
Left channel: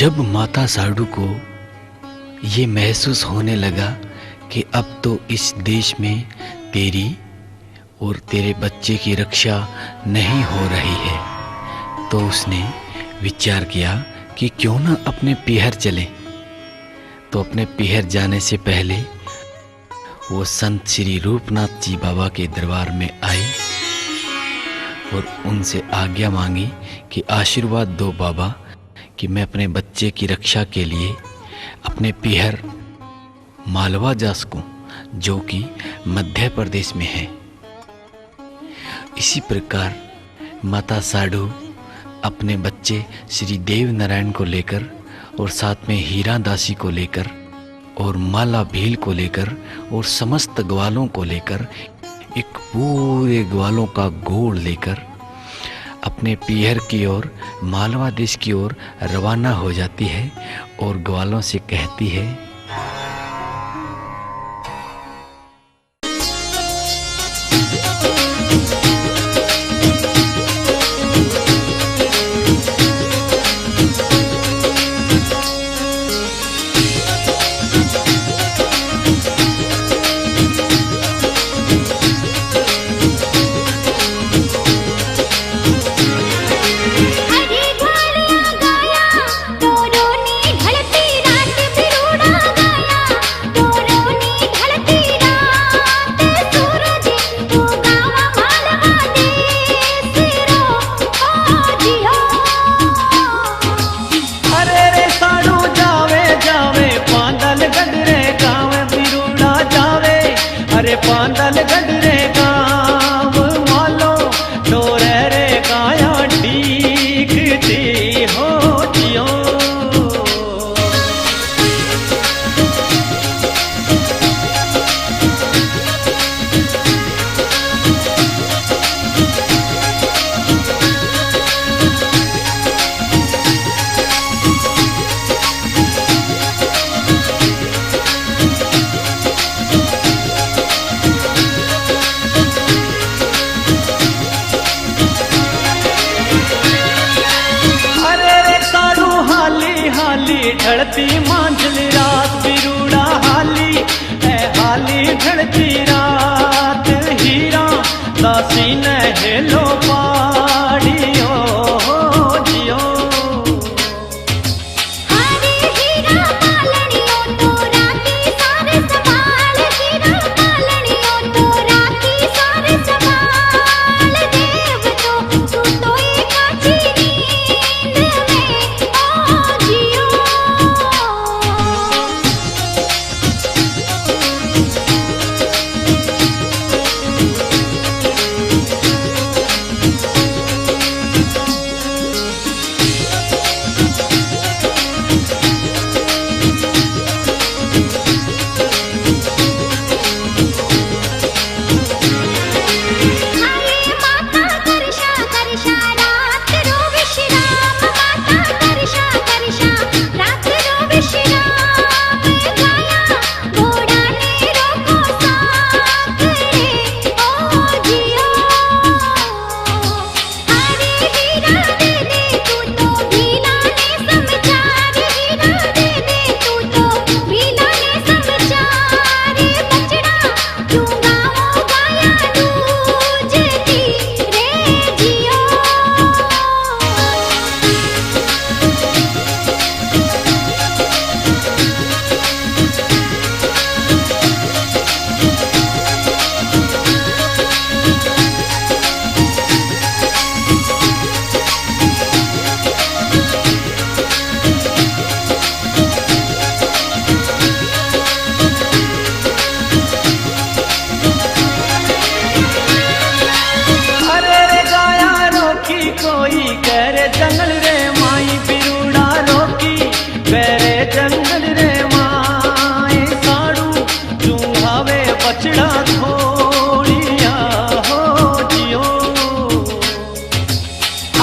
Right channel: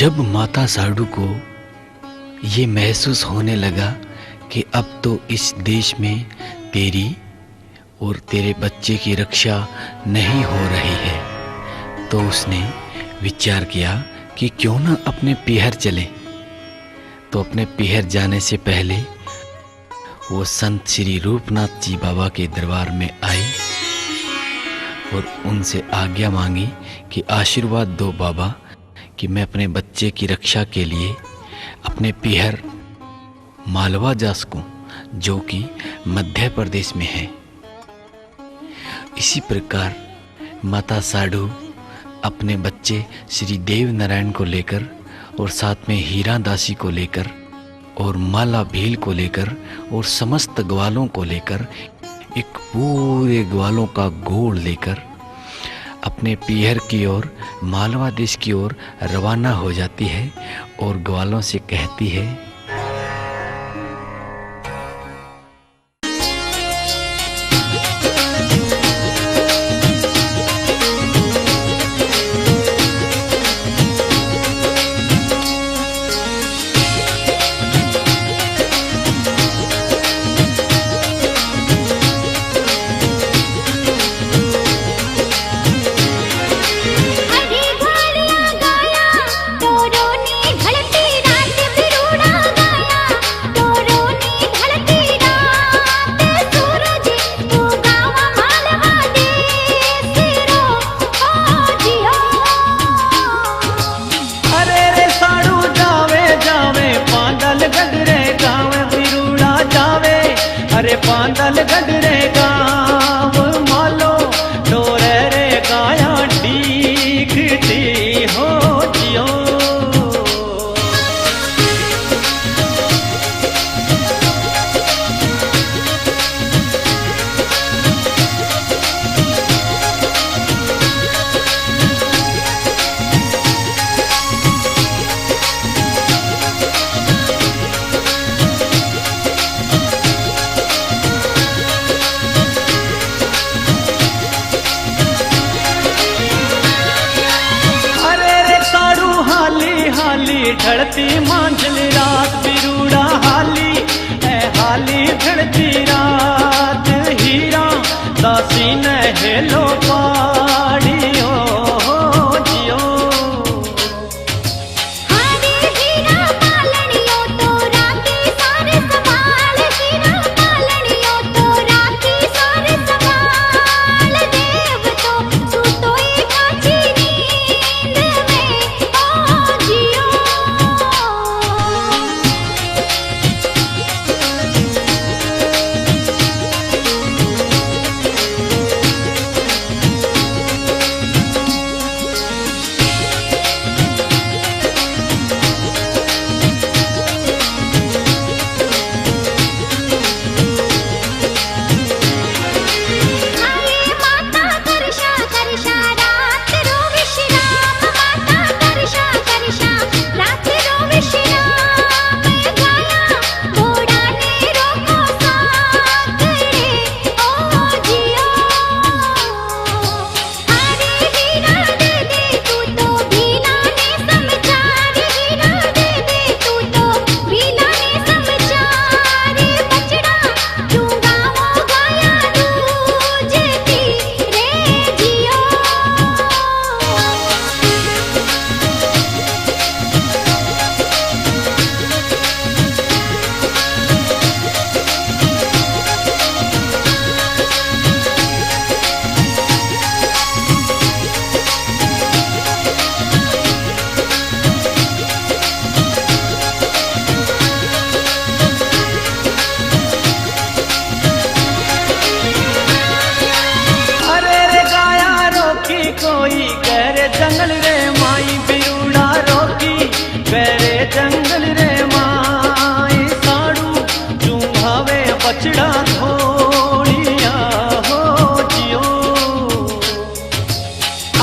जब माता साडू को ये महसूस होने लगा कि अब तो इस देश में तेरी और तेरे बच्चे की रक्षा नहीं हो रही है, तो उसने विचार किया कि क्यों ना अपने पीहर चले। तो अपने पीहर जाने से पहले वो संत श्री रूपनाथ जी बाबा के दरबार में आई और उनसे आज्ञा मांगी कि आशीर्वाद दो बाबा कि मैं अपने बच्चे की रक्षा के लिए अपने पीहर मालवा जा सकूं, जो कि मध्य प्रदेश में है। इसी प्रकार माता साडू अपने बच्चे श्री देव नारायण को लेकर और साथ में हीरा दासी को लेकर और माला भील को लेकर और समस्त ग्वालों को लेकर, एक पूरे ग्वालों का गोड़ लेकर अपने पीहर की ओर, मालवा देश की ओर रवाना हो जाती है और ग्वालों से कहती है, अरे पांदल गडरे गाँव मालो डोरे रे गाया डीकती हो जियो। हाली ढलती मांझली रात बिरूड़ा हाली है, हाली ढलती रात हीरा दासी ने हेलो पाड़ियो जियो। कोई करे जंगल रे माई बिरूड़ा रोकी, करे जंगल रे माई साड़ू चूंघावे बछड़ा थोड़िया हो जियो।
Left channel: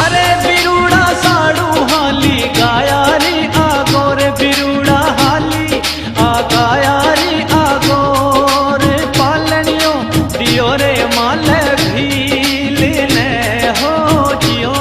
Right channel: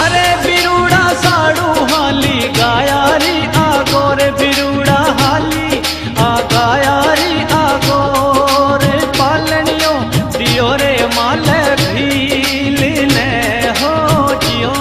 अरे बिरूड़ा साड़ू हाली गायारी आगोर बिरूड़ा हाली आ गायारी आगोर पालनियो दियो रे माले भील ने हो जियो।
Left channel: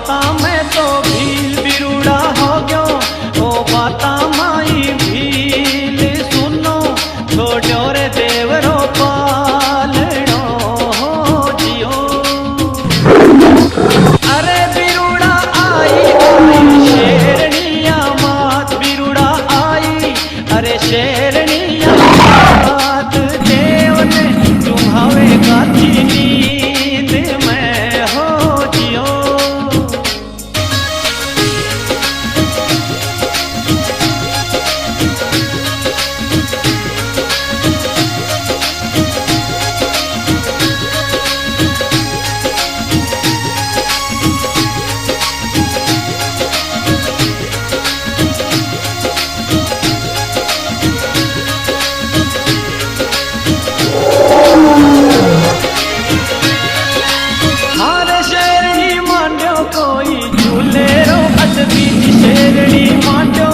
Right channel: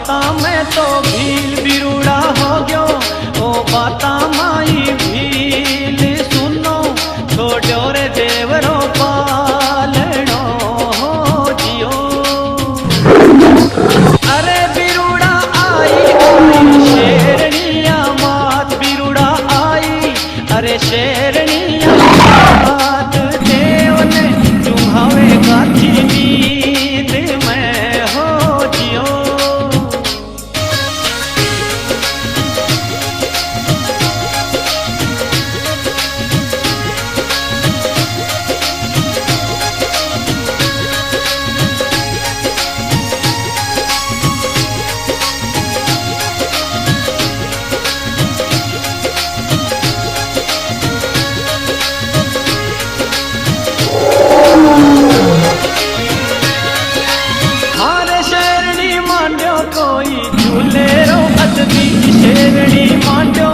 बाता में तो भील बिरुड़ा हो गयो, ओ बाता माई भील सुनो, छोड़ो रे देवरो पालनो हो जियो। अरे बिरुड़ा आई आई शेरनिया मात, बिरुड़ा आई अरे शेरनिया मात, देव ने तुम्हारे गाची नींद में हो जियो। कोई झूले रो अद बीच शेरनी मांडो,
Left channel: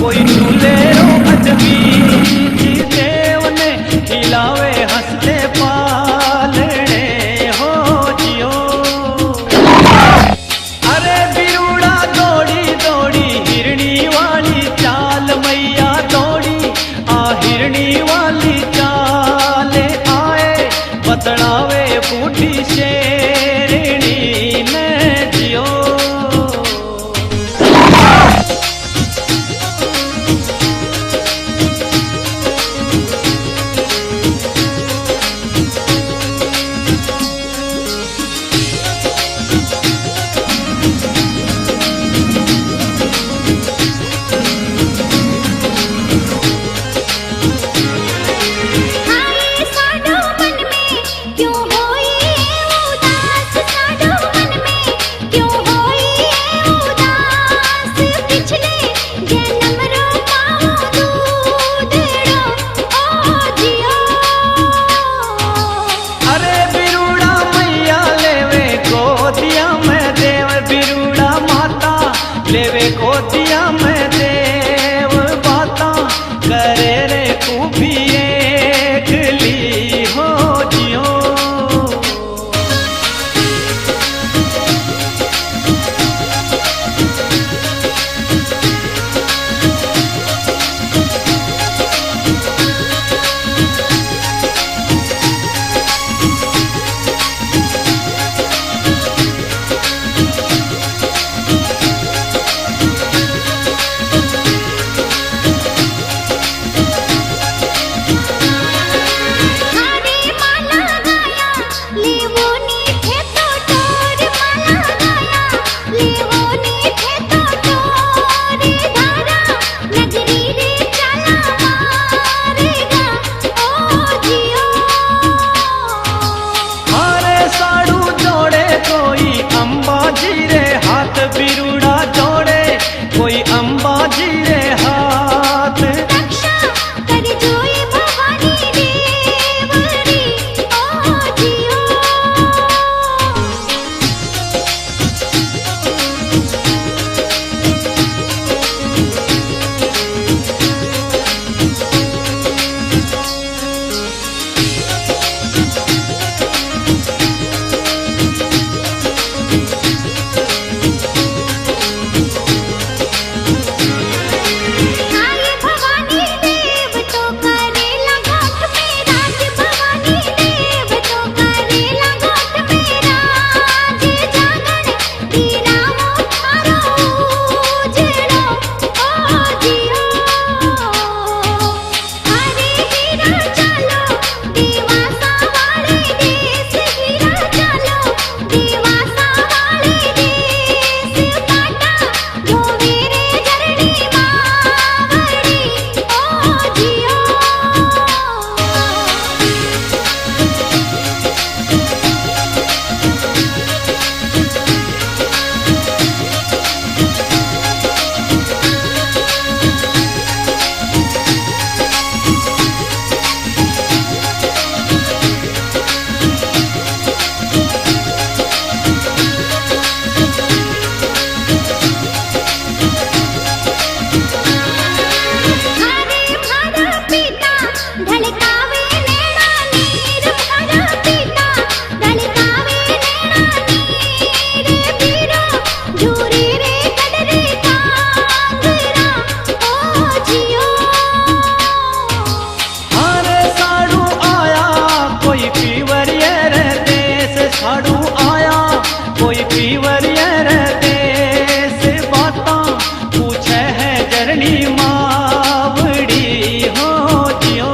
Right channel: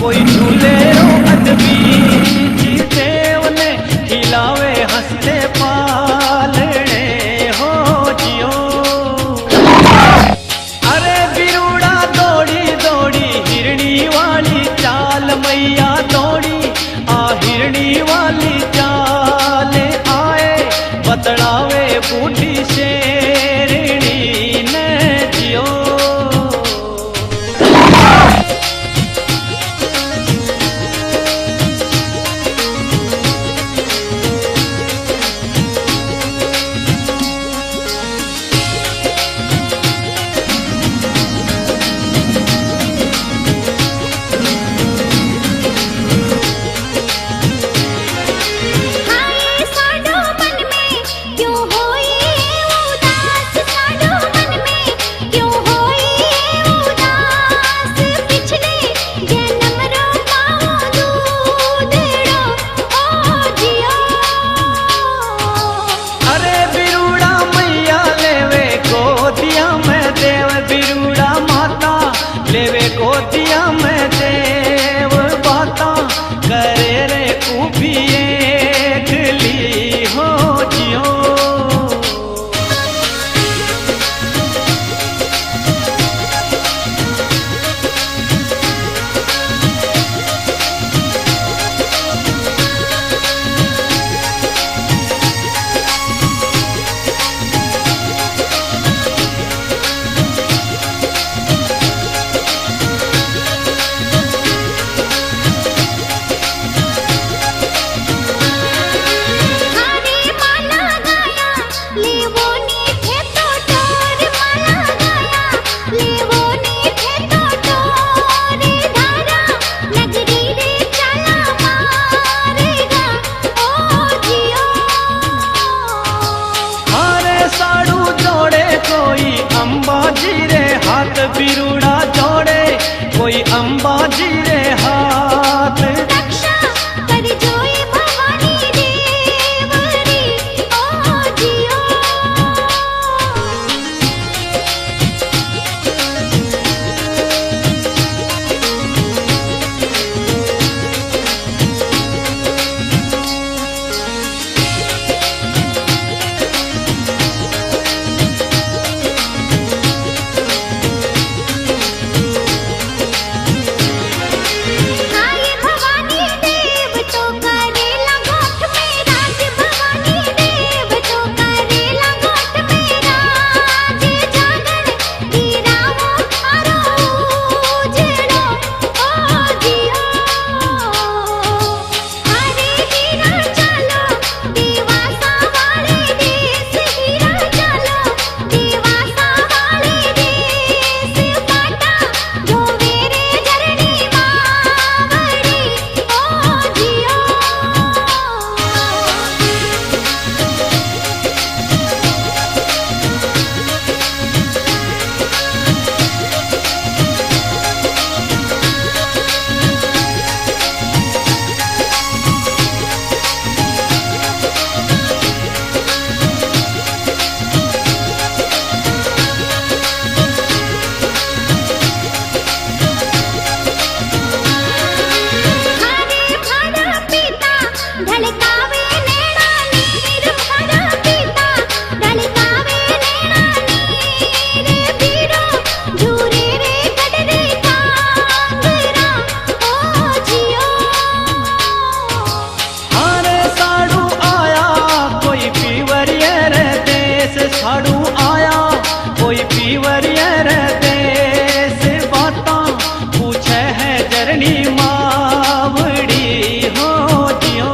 कोई झूले रो अद बीच, देव ने खिलावे हंसते पालने हो जियो। अरे बिरुड़ा दौड़ी दौड़ी हिरणी वाली चाल, मैया दौड़ी आ हिरणी वाली चाल, आए बतलावे बूढ़ी शेरनी ने जियो। बिरुड़ा माता लेवे गोदिया में देव, बाता करे रे उभी एकली हो जियो। कोई अंबाजी रे हाथ बिरुड़ा जोड़े, कोई अंबाजी रे हाथ, रक्षा कर जोए भवानी देवरी ओ जियो। साड़ू आया कोई पीवरियर देश बाता पूछे है जरनी मावड़ी हो जियो।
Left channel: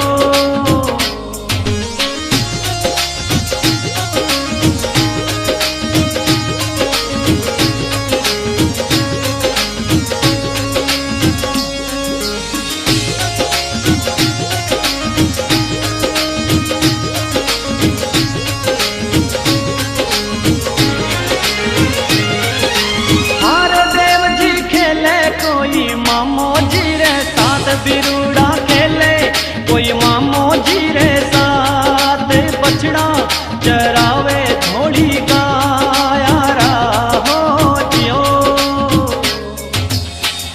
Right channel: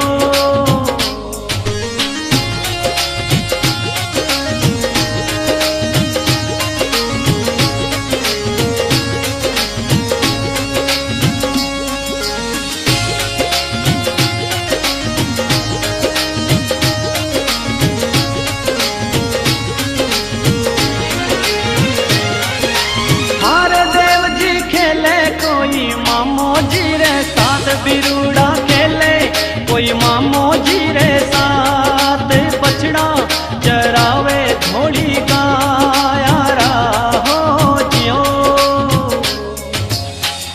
कोई मामो जी रे साथ बिरूड़ा खेले कोई मामो जी रे साथ बछड़ा चरावे थोड़ी गायारा हो जियो।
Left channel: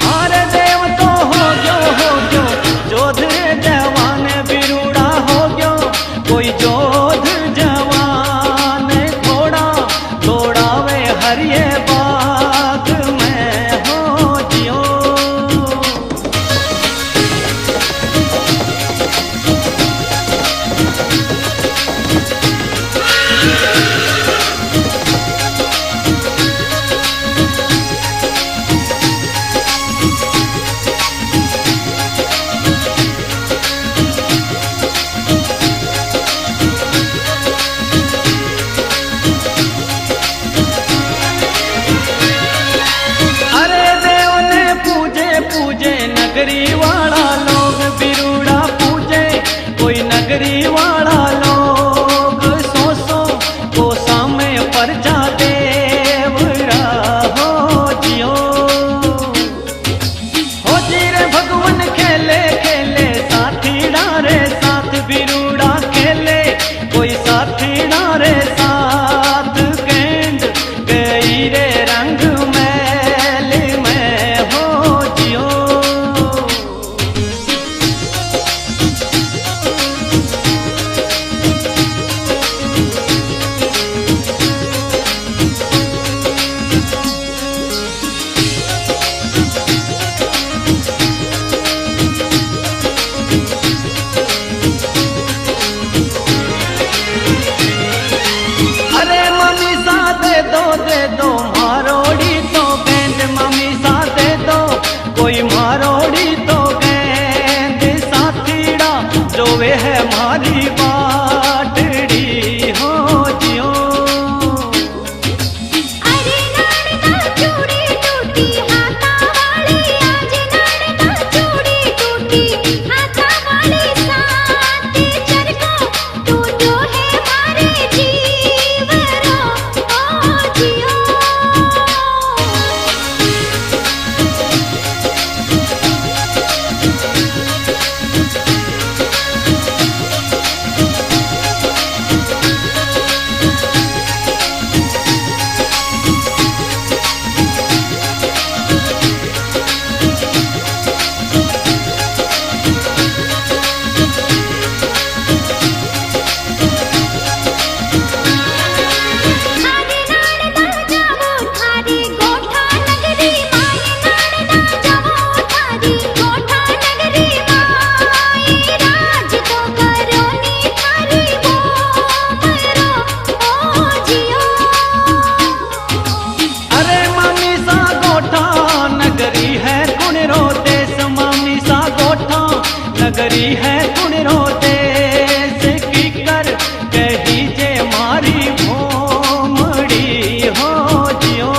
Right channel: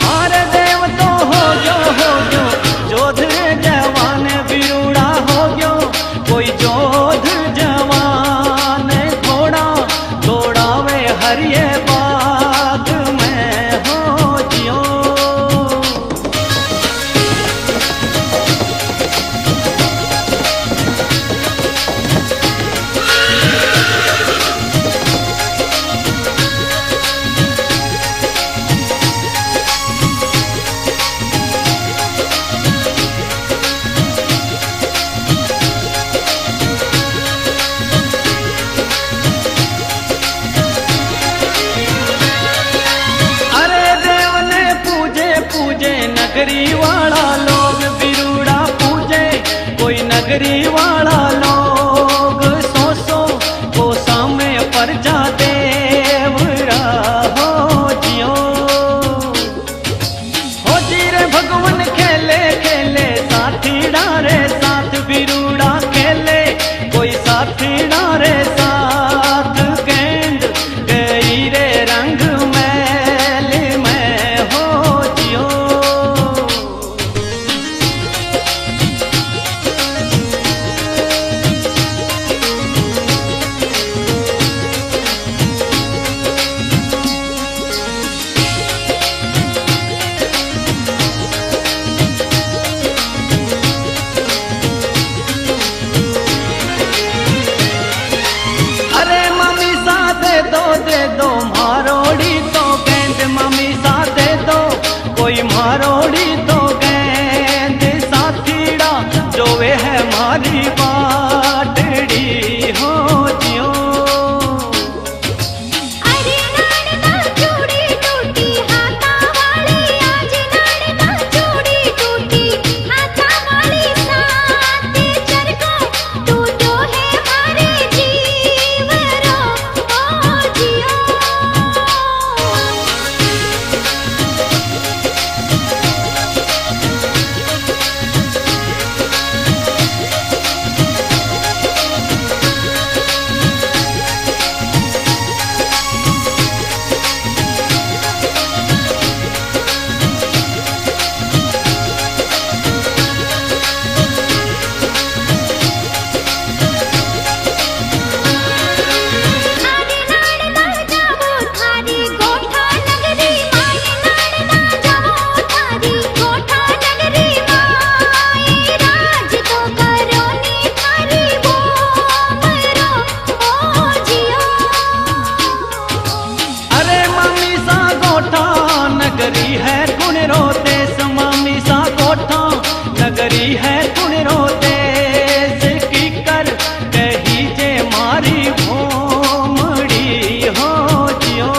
हारे देव तो हो गयो जोध जवान बिरूड़ा हो गयो कोई जोध जवान घोड़ा दौड़ावे हरिये बाग में हो जियो। पूजे नगरी वाला लोग बिरूड़ा पूजे कोई नगरी वाला लोग सो को सामे पर जा देवरा हो जियो। हो जी रे भगवान खेले खेले साथी डारे साथ बिरूड़ा खेले कोई साथी डारे साथ गेंद गई रे रंग मैल में हो जियो। दे दो मारोड़ी तो गेंद मम्मी सा दे दो कोई मारोड़ी तो गेंद साथीड़ा जो वे है मारी बाटड़ी हो जियो। नगरी है कुणरो देश मामी सा गोठा नगरी है कुणरो देश की कर कही जे मारी भोमड़ी हो जियो।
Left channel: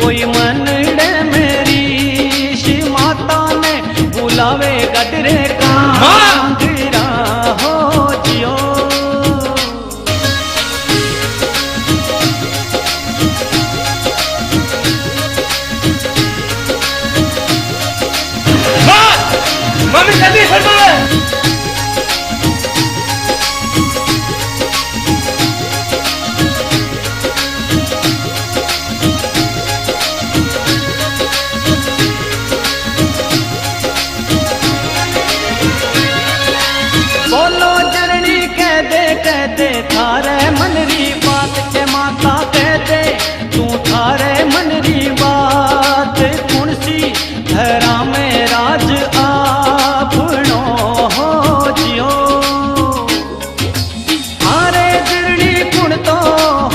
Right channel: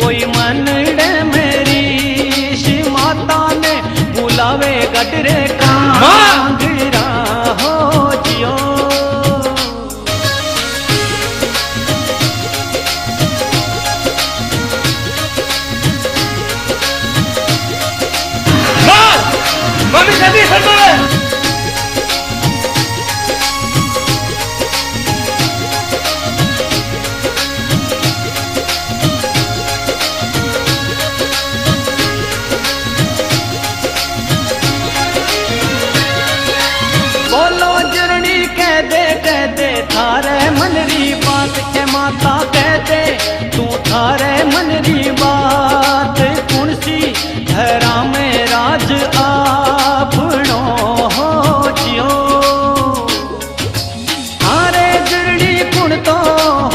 कोई मनड़े मेरी शी माता ने बुलावे गडरे कांगरा हो जियो। जल्दी फरमावे। बोलो जरनी कह दे थारे मनरी बात के माता कह दे तू थारे मनरी बात कौन सी धरा में राज आपनो हो जियो हारे जरनी कुण तो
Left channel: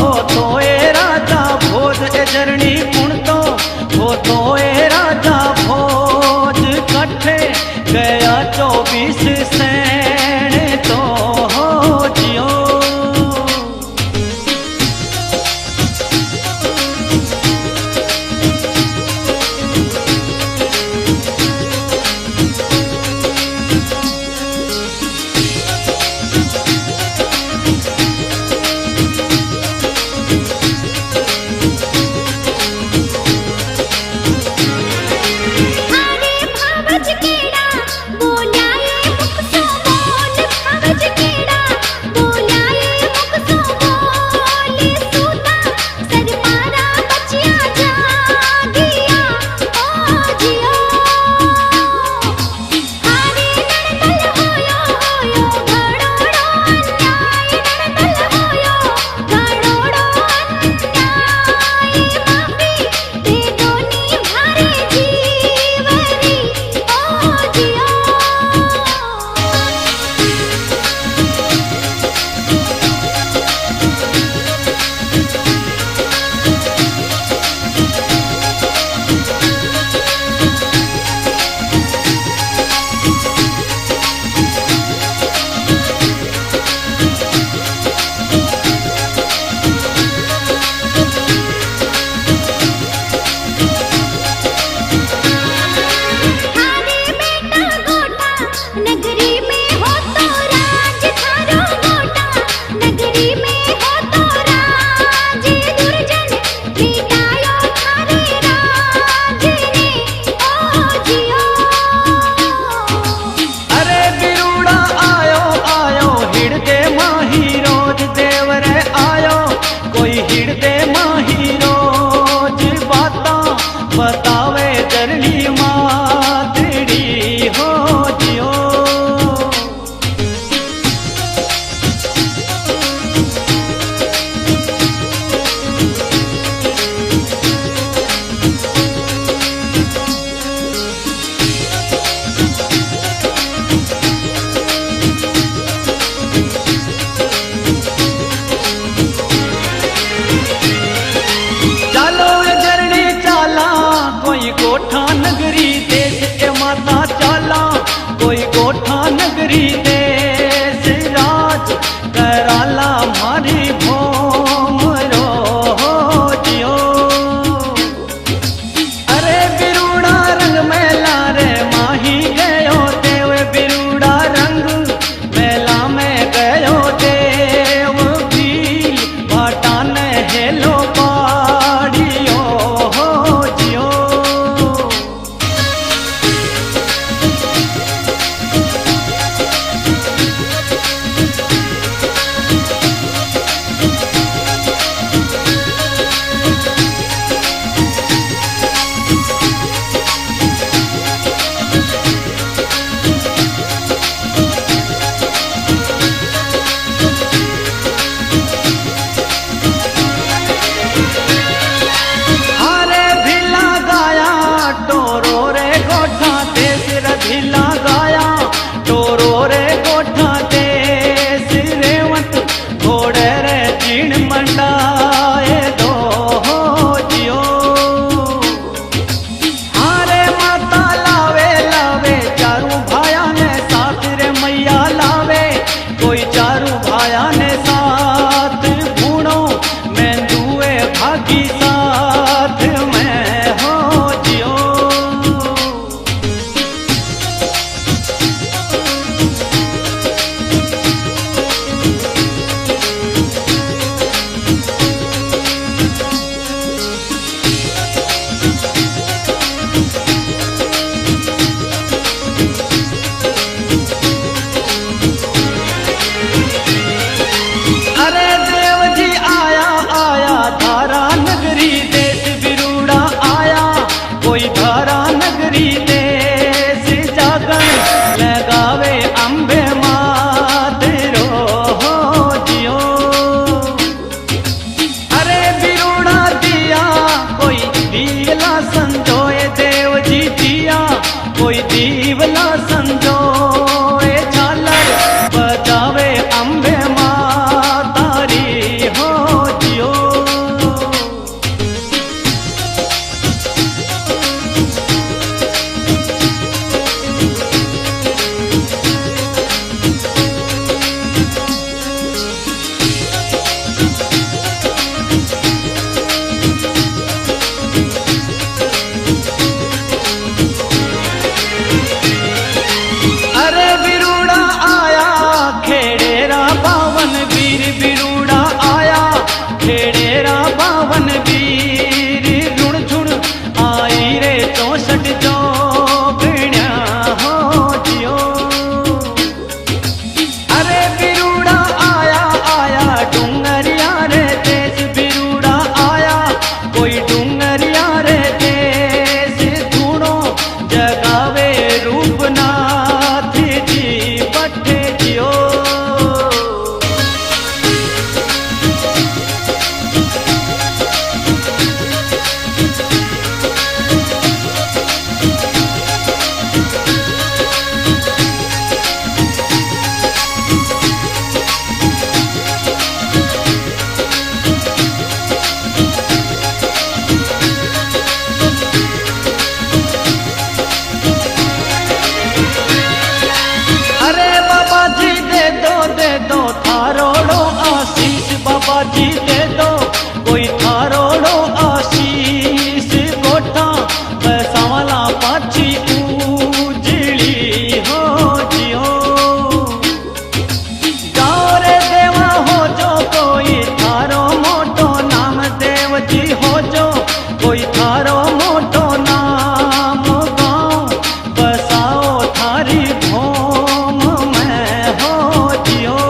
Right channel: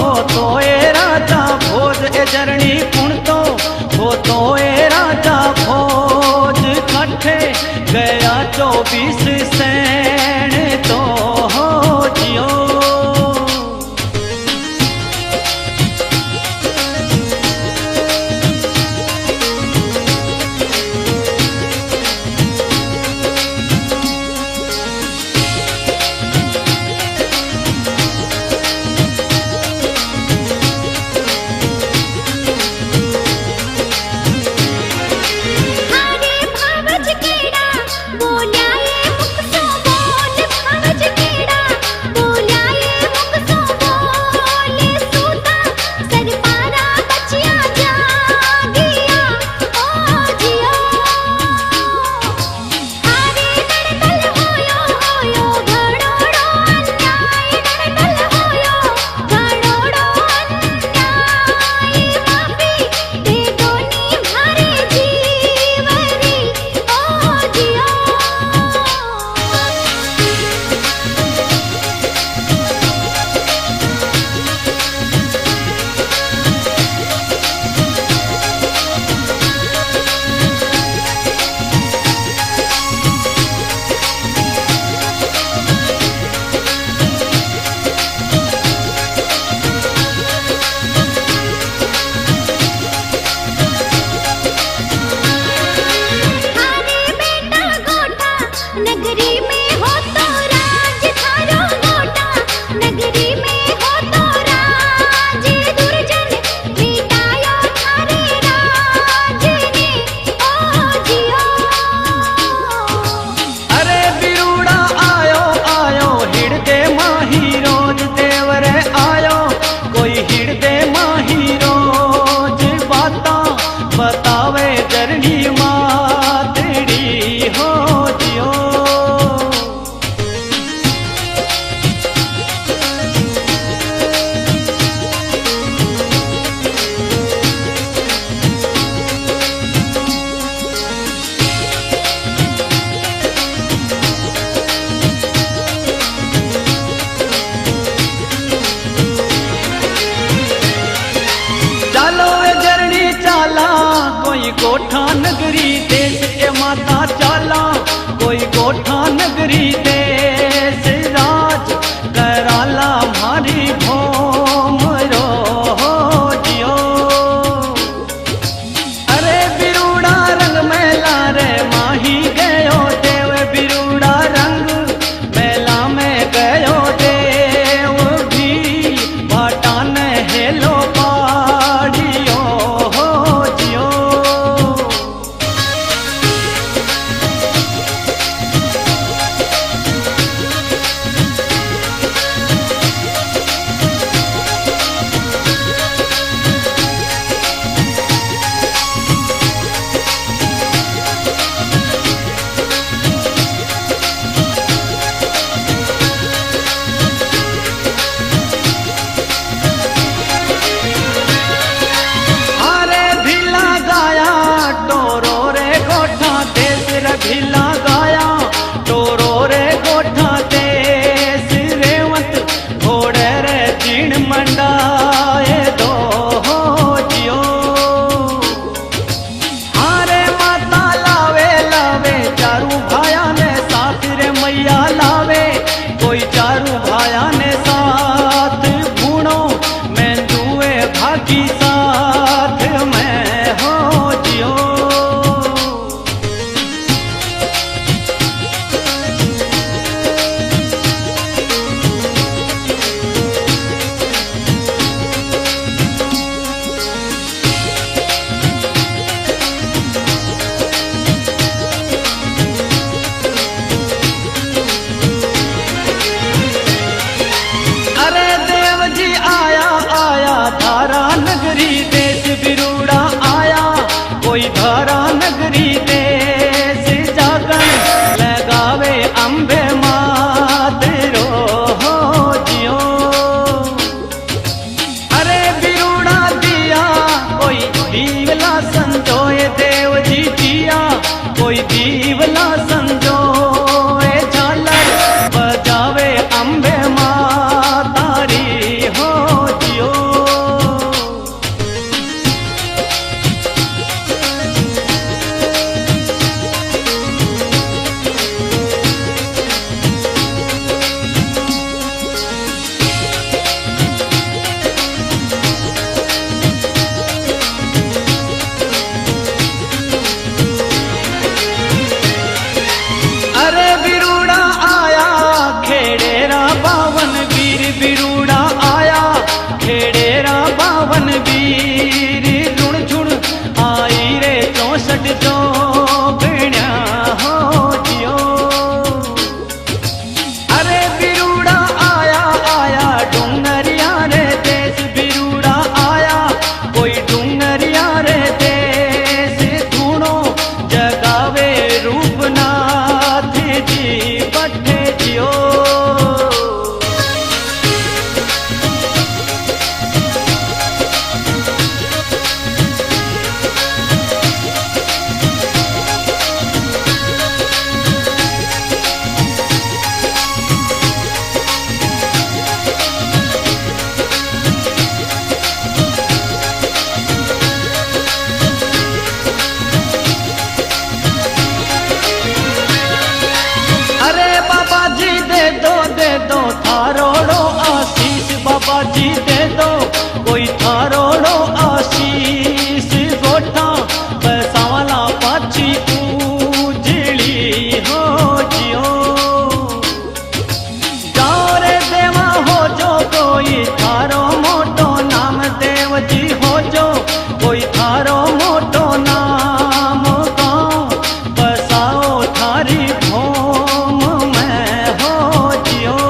हो तो ए राजा भोज ए जरनी कुण तो हो तो ए राजा भोज कट्ठे गया 24 सैन तो हो जियो बतावे जरनी मातड़ी हो जियो चालो वे जरनी चाला कोई गोठा नगरी देश ए माता चाला कोई गोठा नगरी देश राज कराला मारी भोम रो जियो अरे बिरूड़ा रंग मेला रे माही गयो देव बिरूड़ा रंग मेला में गयो देव भील भाटा ने हेलो पाड़ियो हो जियो भिला गाया टोरो रे गोठा देश रेवंत घोड़े रे चीण मंडाए दो हो जियो हारे माता लावे लावे चारू भाया ने साथ रे मैया लावे कोई चारू भाया ने साथ भूणो मेंदुए भागी साथ में हो जियो धारा नगरी देश बिरूड़ा आया, कोई धारा नगरी देश जागन लगावे अम्बे मात रो हो जियो। अरे बिरूड़ा दिया कोई दीवला संजोए देव जी दिया, कोई दीवला संजोए झालर बजावे अम्बे माँ तारी हो जियो। अरे बिरूड़ा आया खेड़ेरा बावन वीर, बिरूड़ा आया खेड़ेरा बावन वीर, रुण झुण आई रे 64 जो गण्या हो जियो। अरे बिरूड़ा आया आया डूंगरिया रे देश, बिरूड़ा आया कोई डूंगरिया रे देश, धूणो जगावे रूपनाथ जी पट्टे जियो। अरे बाबा जी दे दो थारोड़ो आशीष, बाबा जी दे दो कोई थारोड़ो आशीष, गोठा बसावला पाछी उजली हो जियो। जाओ रे देवा हो जो कोई थारो मोटो नाम देव जी हो जो, कोई थारो मोटो नाम गाँव बसाओ थारी भोम में हो जियो।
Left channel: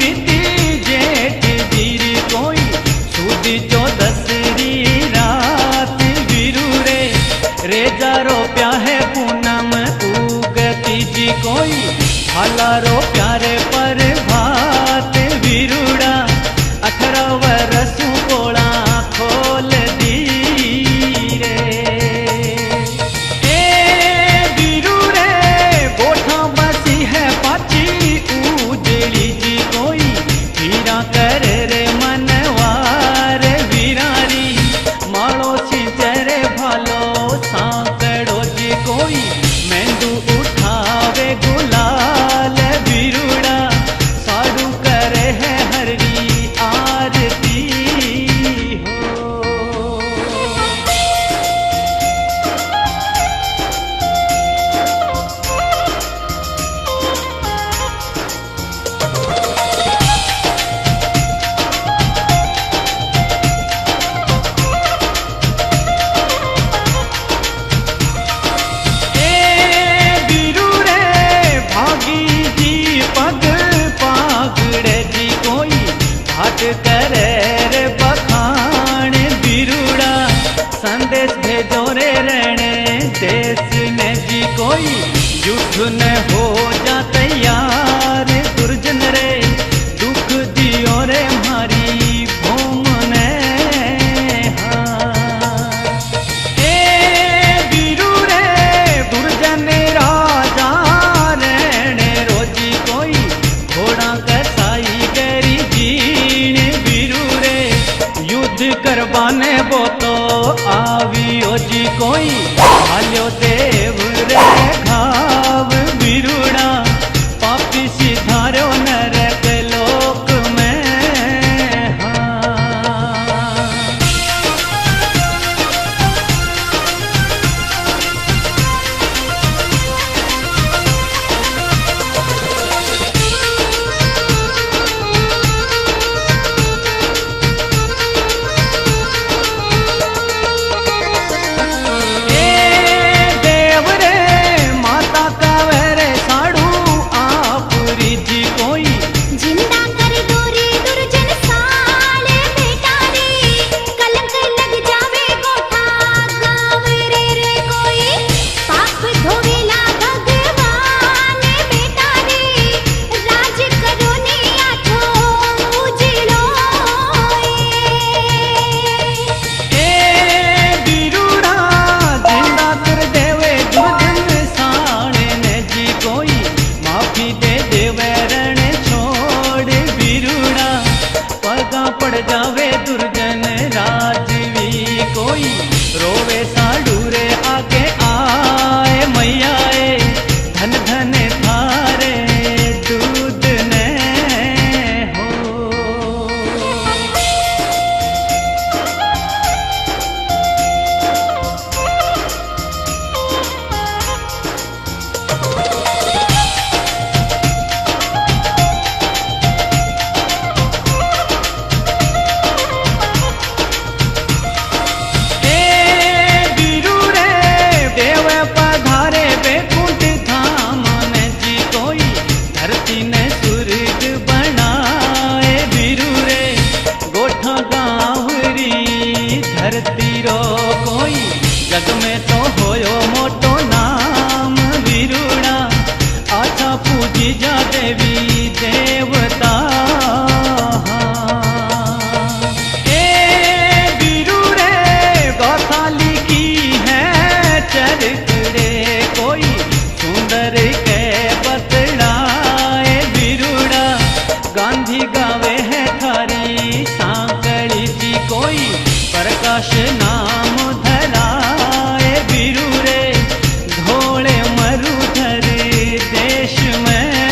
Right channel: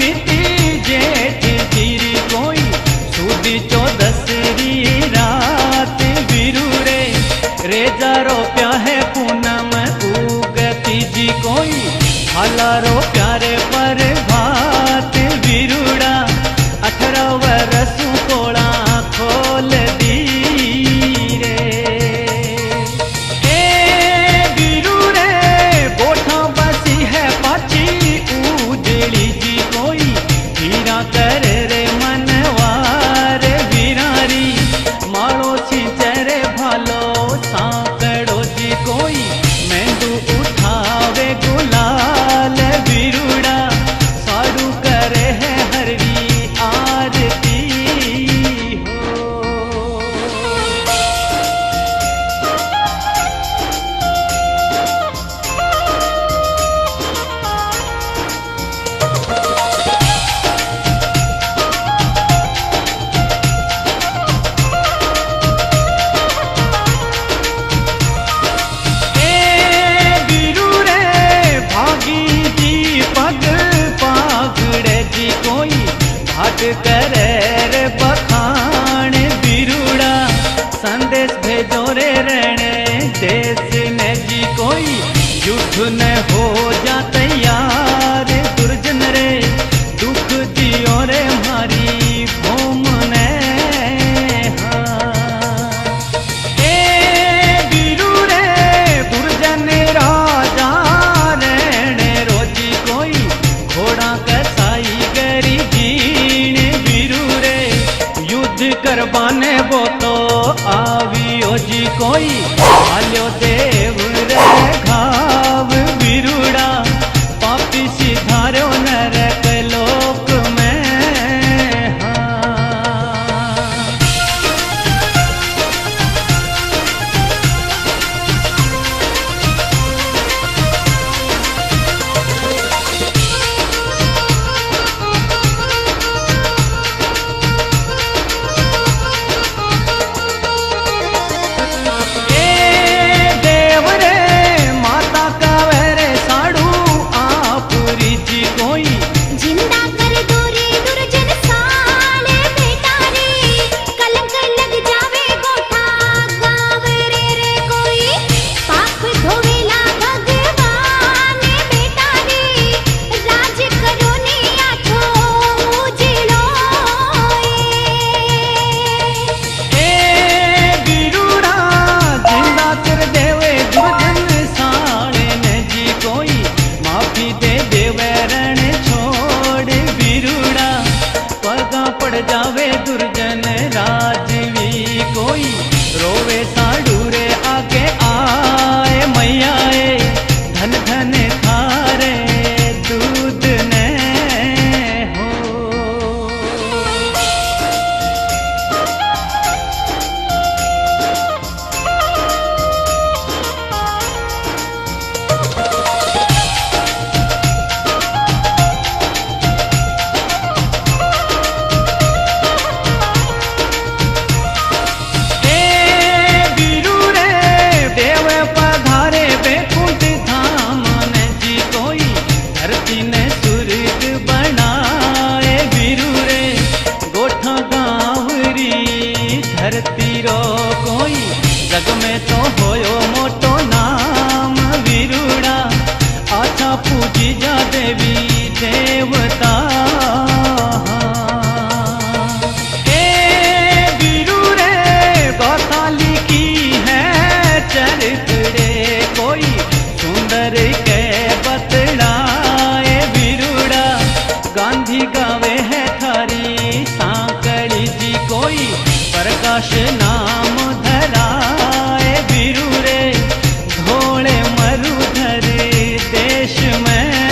मिति जेठ जीरी कोई सूदी 14री रात, वीरू रे जारो प्या है पूनम उगती जी कोई भालारो प्यारे पर भात, वीरूड़ा 18 वर्षों कोड़ा खोल दी रे। ए वीरू रे गोठा बसी है पाची उजली जी कोई, हीरा कर रे मनवार वीरारी, माड़ो सिंचरे भालो सांकड़ो जी कोई, मेंदू उठावे गुलाल वीरूड़ा, साड़ू करे है हरवी आरती हो। भागी जी पग पागड़े जी कोई, भाट करे रे बखान वीरूड़ा, संदेश भेजो रे रहने देश ने जी कोई, युद्ध न हो जा तैयार दुर्जन रे, दुख दियो रे मारी भूम ने। दुर्जन राजा रहने रोजी कोई, घोड़ा कसाई गरी जी युद्ध करवाने वो तो आवियो जी कोई, हाल्यो देव रे घाव बिरुड़ा, पापी सिधारो नरक लोक में। जिंदा कर दूरी दुर्जन साले बेटा रे, कलंक लग जावे गोठा गाँव रे रे कोई, पाप धोवेला भगवान बेटा रे, राज करो ने आठो उजलो ए बिरुड़ा जिंदा कर देवे दुर्जन साले ने जी कोई, माफी दे देवे रण छोड़ बिरुड़ा, पगा पड़ जावे दुर्जन राजवी कोई, रोवे साडू रे आगे आए मैयाए, धन धन थारे दूध ने हो। पधारे बैकुंठ धाम ने जी कोई, धरती ने स्वर्ग बनाए बिरु रे, गोठा गाँवरी धरती रो कोई, जग में तो होयो मोटो नाम विरुड़ा, आछा पूजी जा देवी देवता। ए बिरु रे गाथा लिखी है चरित्रे कोई, सुंदर के बतलाए बिरुड़ा, गांधी गावे है थारी सांकड़ी जी कोई, प्रकाश नाम धराए बिरु रे, धोले मरुधर देश में।